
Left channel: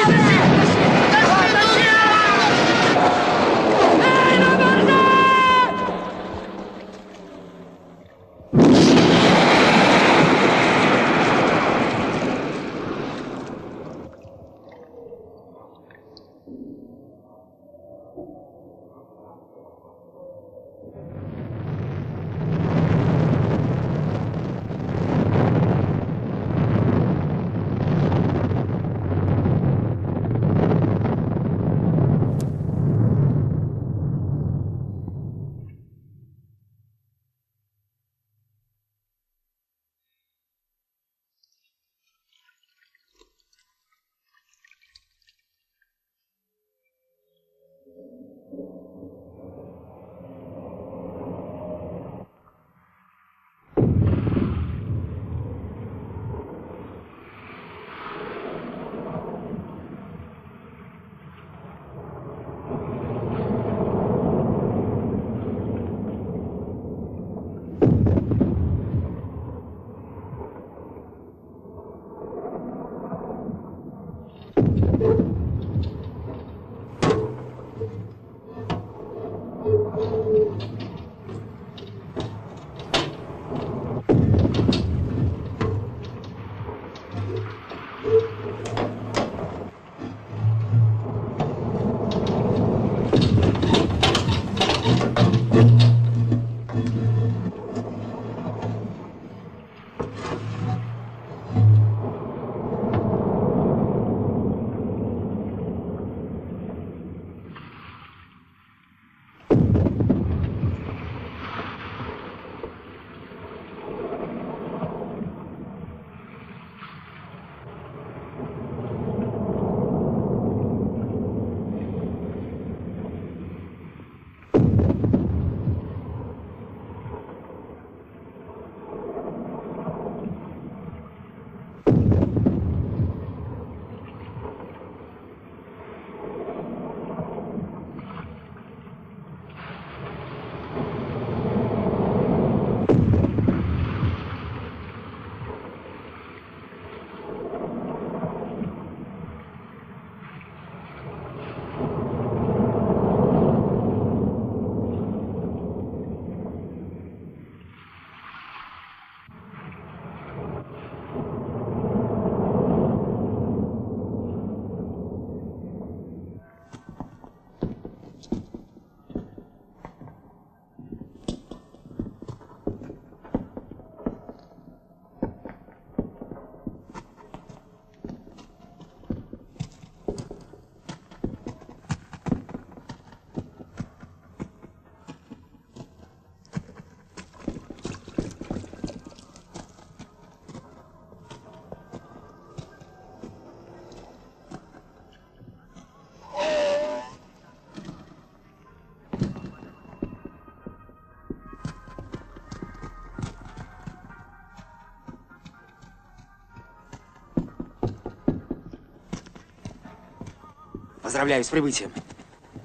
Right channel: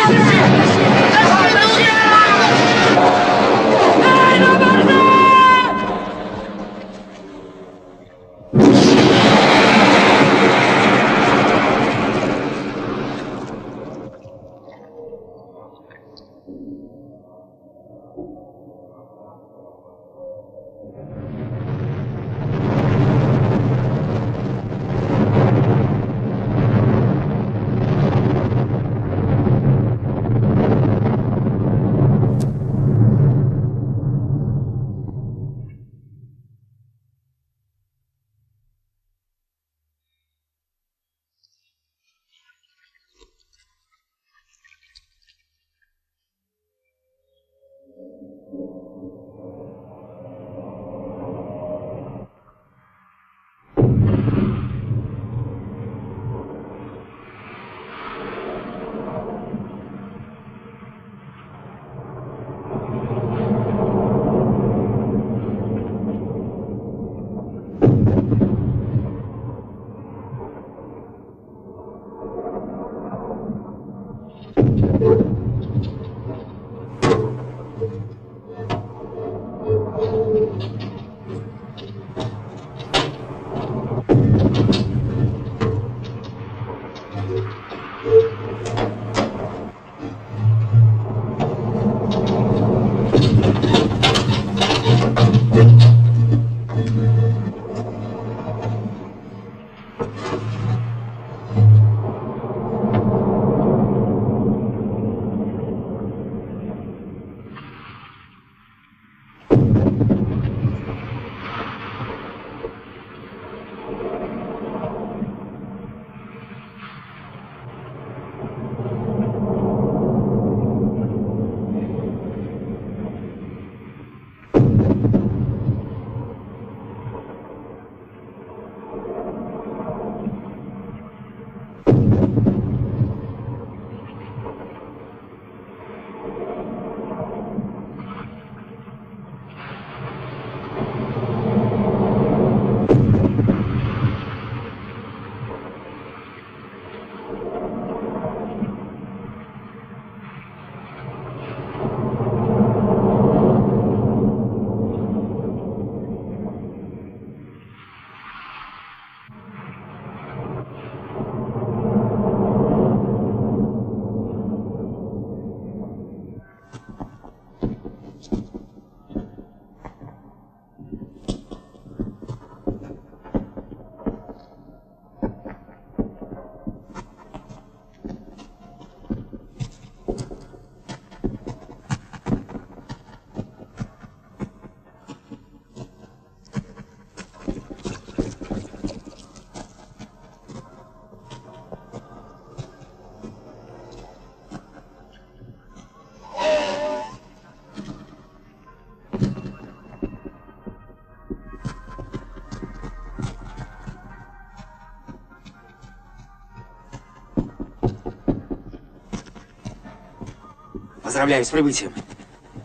Поздравляю с прибытием,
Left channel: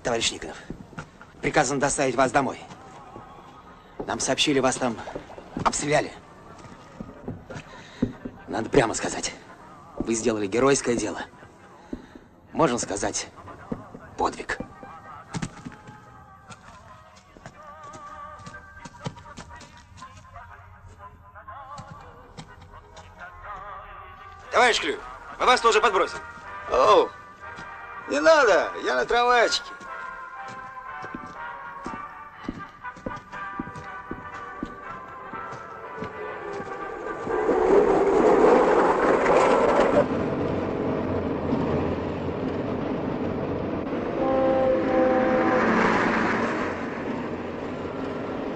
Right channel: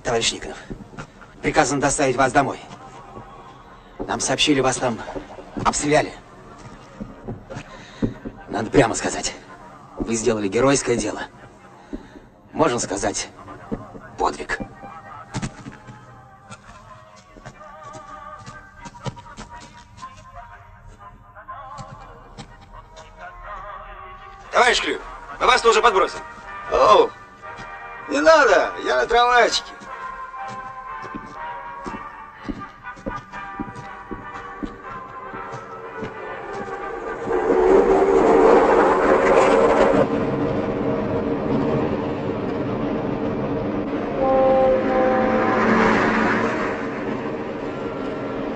товарищ Никонов. Приказано доставить вас домой. Нам сообщили, вас там обстреляли. Надо прямо сказать, вы сделали геройское дело. Можно сказать, подвиг. Товарищ Клюев, мы вас тоже подбросим. О, не надо, я на трамвайчике.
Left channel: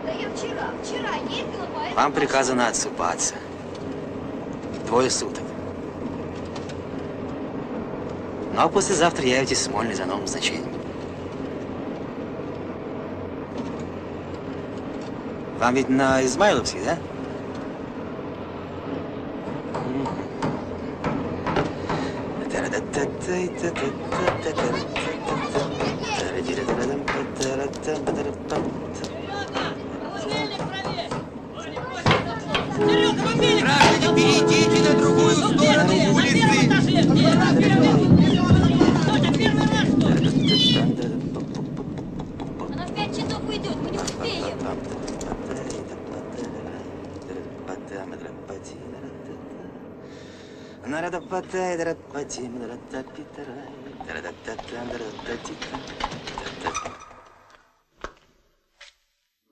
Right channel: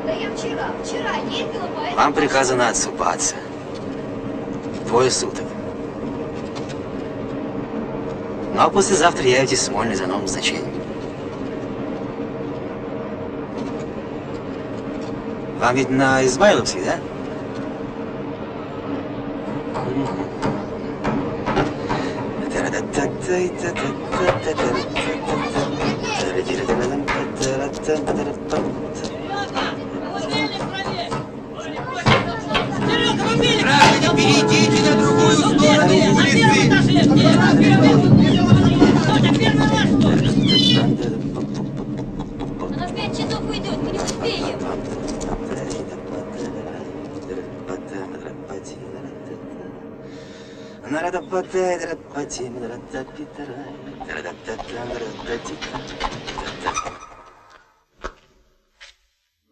Да я вчера ездила по этому... Вам приказано отсыпаться. 2 суток. Ну а послезавтра явитесь в Смольный за новым значением. Вам ведь на Измайловский, да? Граждане, перейдите на другую сторону улицы. Она в 5 часов уйдет, мы не успеем.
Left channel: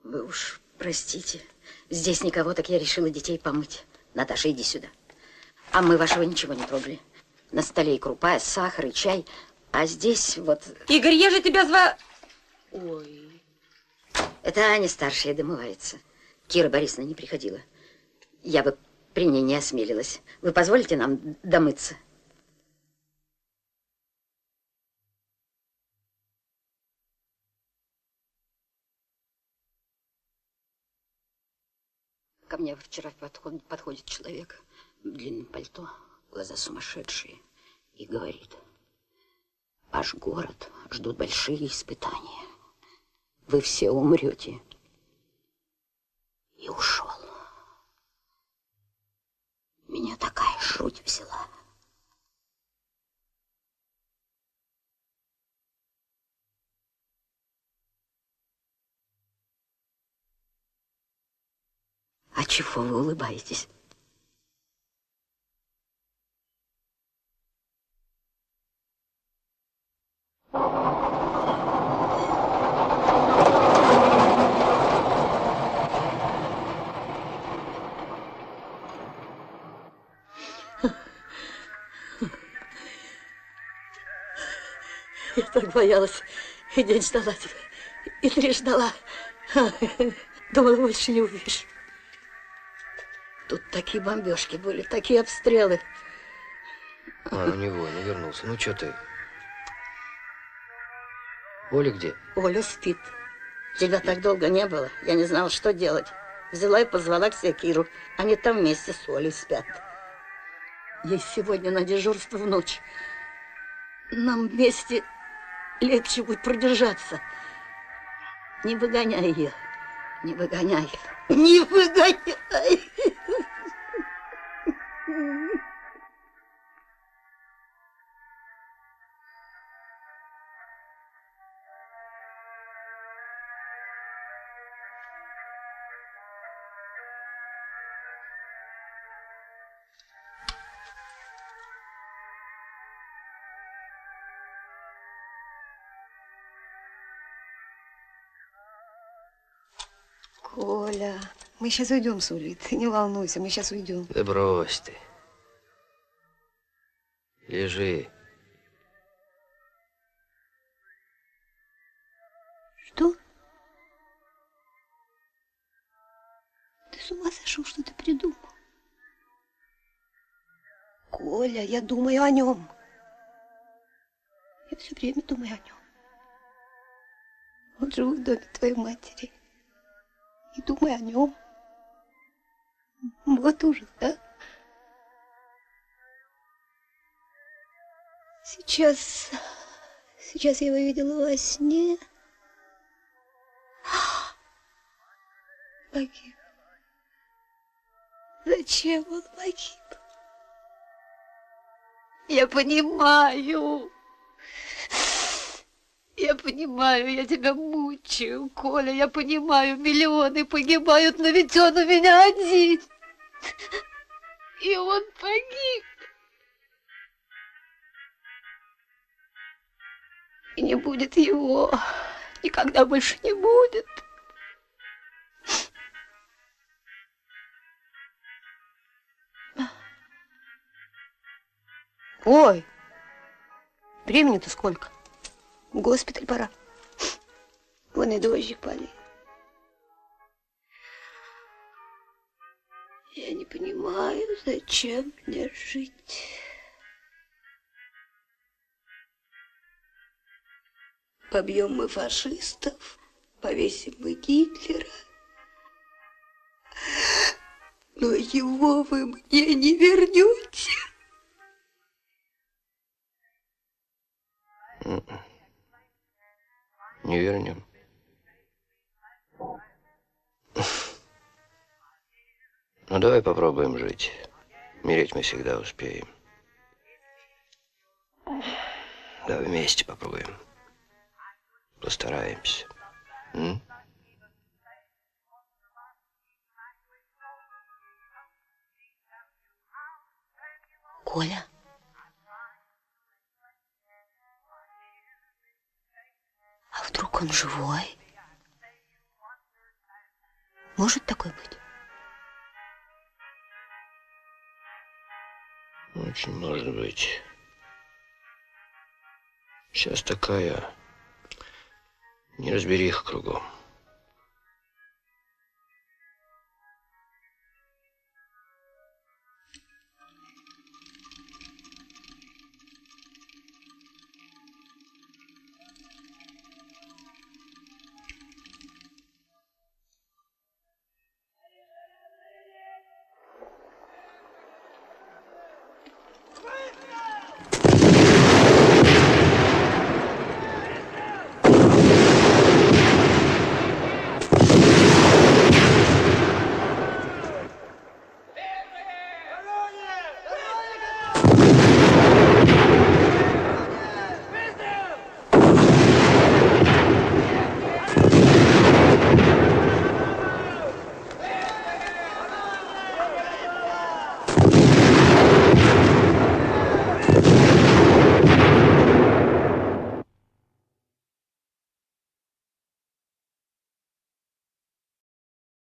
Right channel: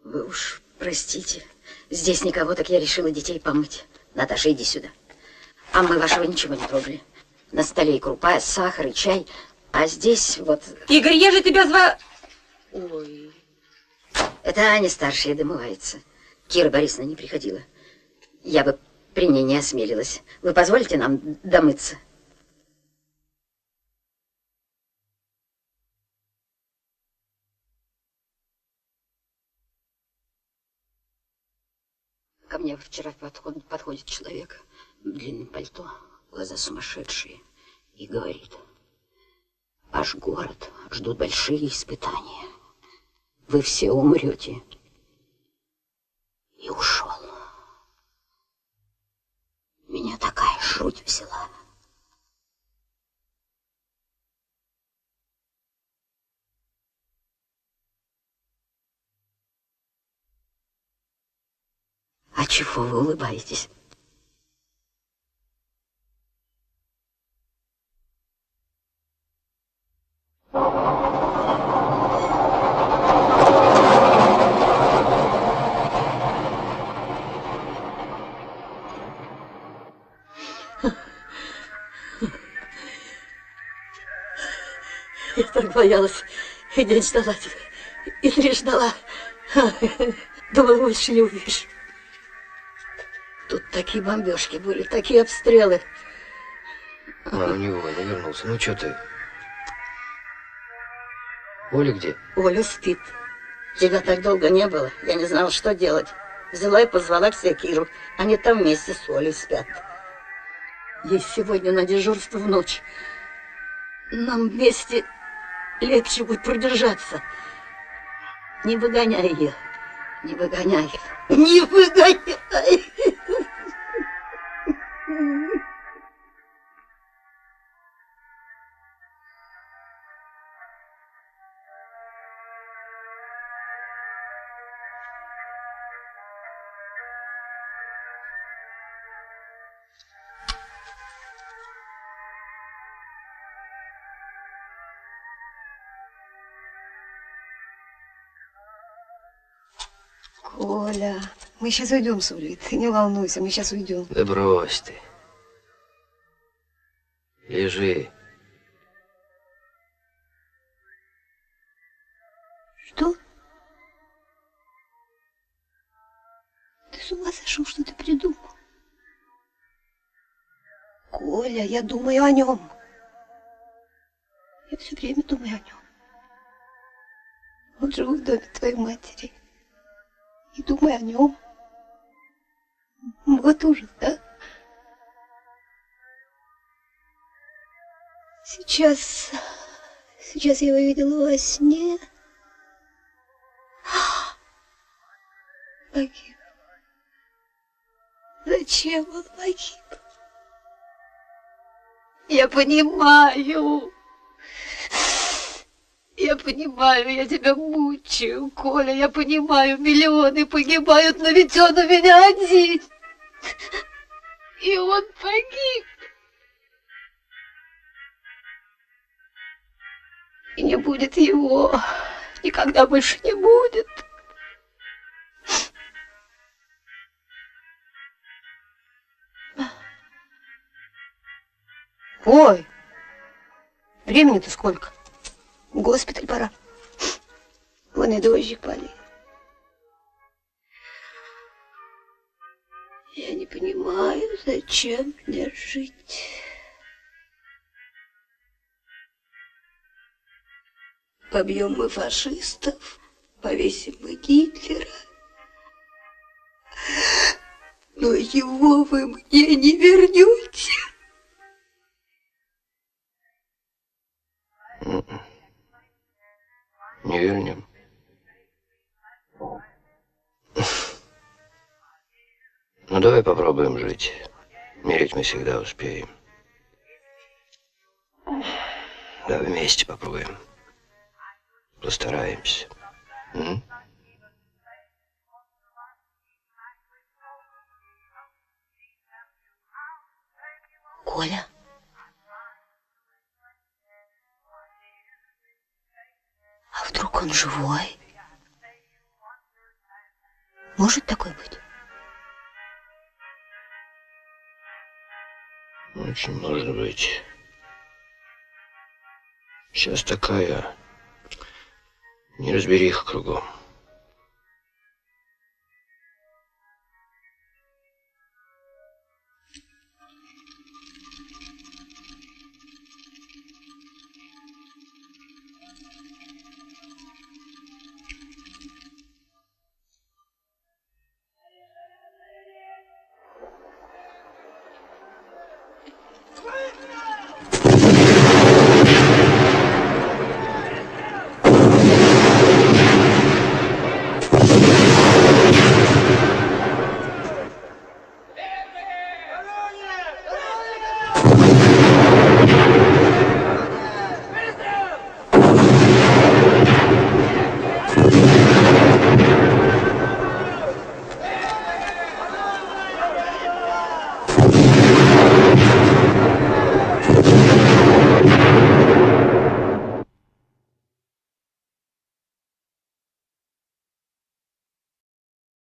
Вы уж простите. Здесь никого, так я решила детей помыть. Наташа, иди сюда. А мы вашего ничего не трогали. На столе и крупа, и сахар, и чай. А здесь вот... Игорь, я же тебя звала... Ой. Это Аня старшая домывается. Кира Борисовна не приходила. Я бы при ней не осмелилась. Вы позволите нам домыться? Ко мне вчера подходит человек в длинном пальто, глаза сумасшедшие, и говорит: ваш город ждут большие испытания. Вы все умрете. И ушел. Меня такая жуть взяла. А чего вы улыбаетесь? Я так боялась. И день ждала тебя, и 3 ждала. Думала, больше не увижу. Тут такие бомбежки были, такие обстрелы. А, ну не война, вернулся. Ну что ты? Оля где? Оля спит. Тебя так долго не было, я не знала, что делать. Взяла и позвала к себе Киру. Они там вместе с Олей спят. Ей сегодня на дежурство в ночь. Нам вместе легче будет продержаться. Не выгоняй ее. Не выгоняй. Не выгоняй. Коля, мы сейчас уйдем с Улей. Ты не волнуйся, мы сейчас уйдем. Да брось ты. Лежи. Что? Ты с ума сошел, что ты придумал? Коля, я думаю о нем. Я все время думаю о нем. Он живет в доме твоей матери. И думаю о нем. Вот ужас, да? Сейчас я его видела во сне. Погиб. Зачем он погиб? Я понимаю. Я понимаю, я тебя мучаю, Коля, я понимаю, миллионы погибают, но ведь он у меня один. И он погиб. И не будет его. Никогда больше не будет. Ой, времени-то сколько? В госпиталь пора. Вон и дождик палит. Я не понимаю, зачем мне жить. Побьем мы фашистов, повесим мы Гитлера. Но его вы мне не вернете. Не вернем. Ну, давай попробуем жить. Умереть мы всегда успеем. Давай вместе попробуем. Постараемся. М? Коля? А вдруг он живой? Может такое быть? Очень может быть. Сейчас такая неразбериха кругом.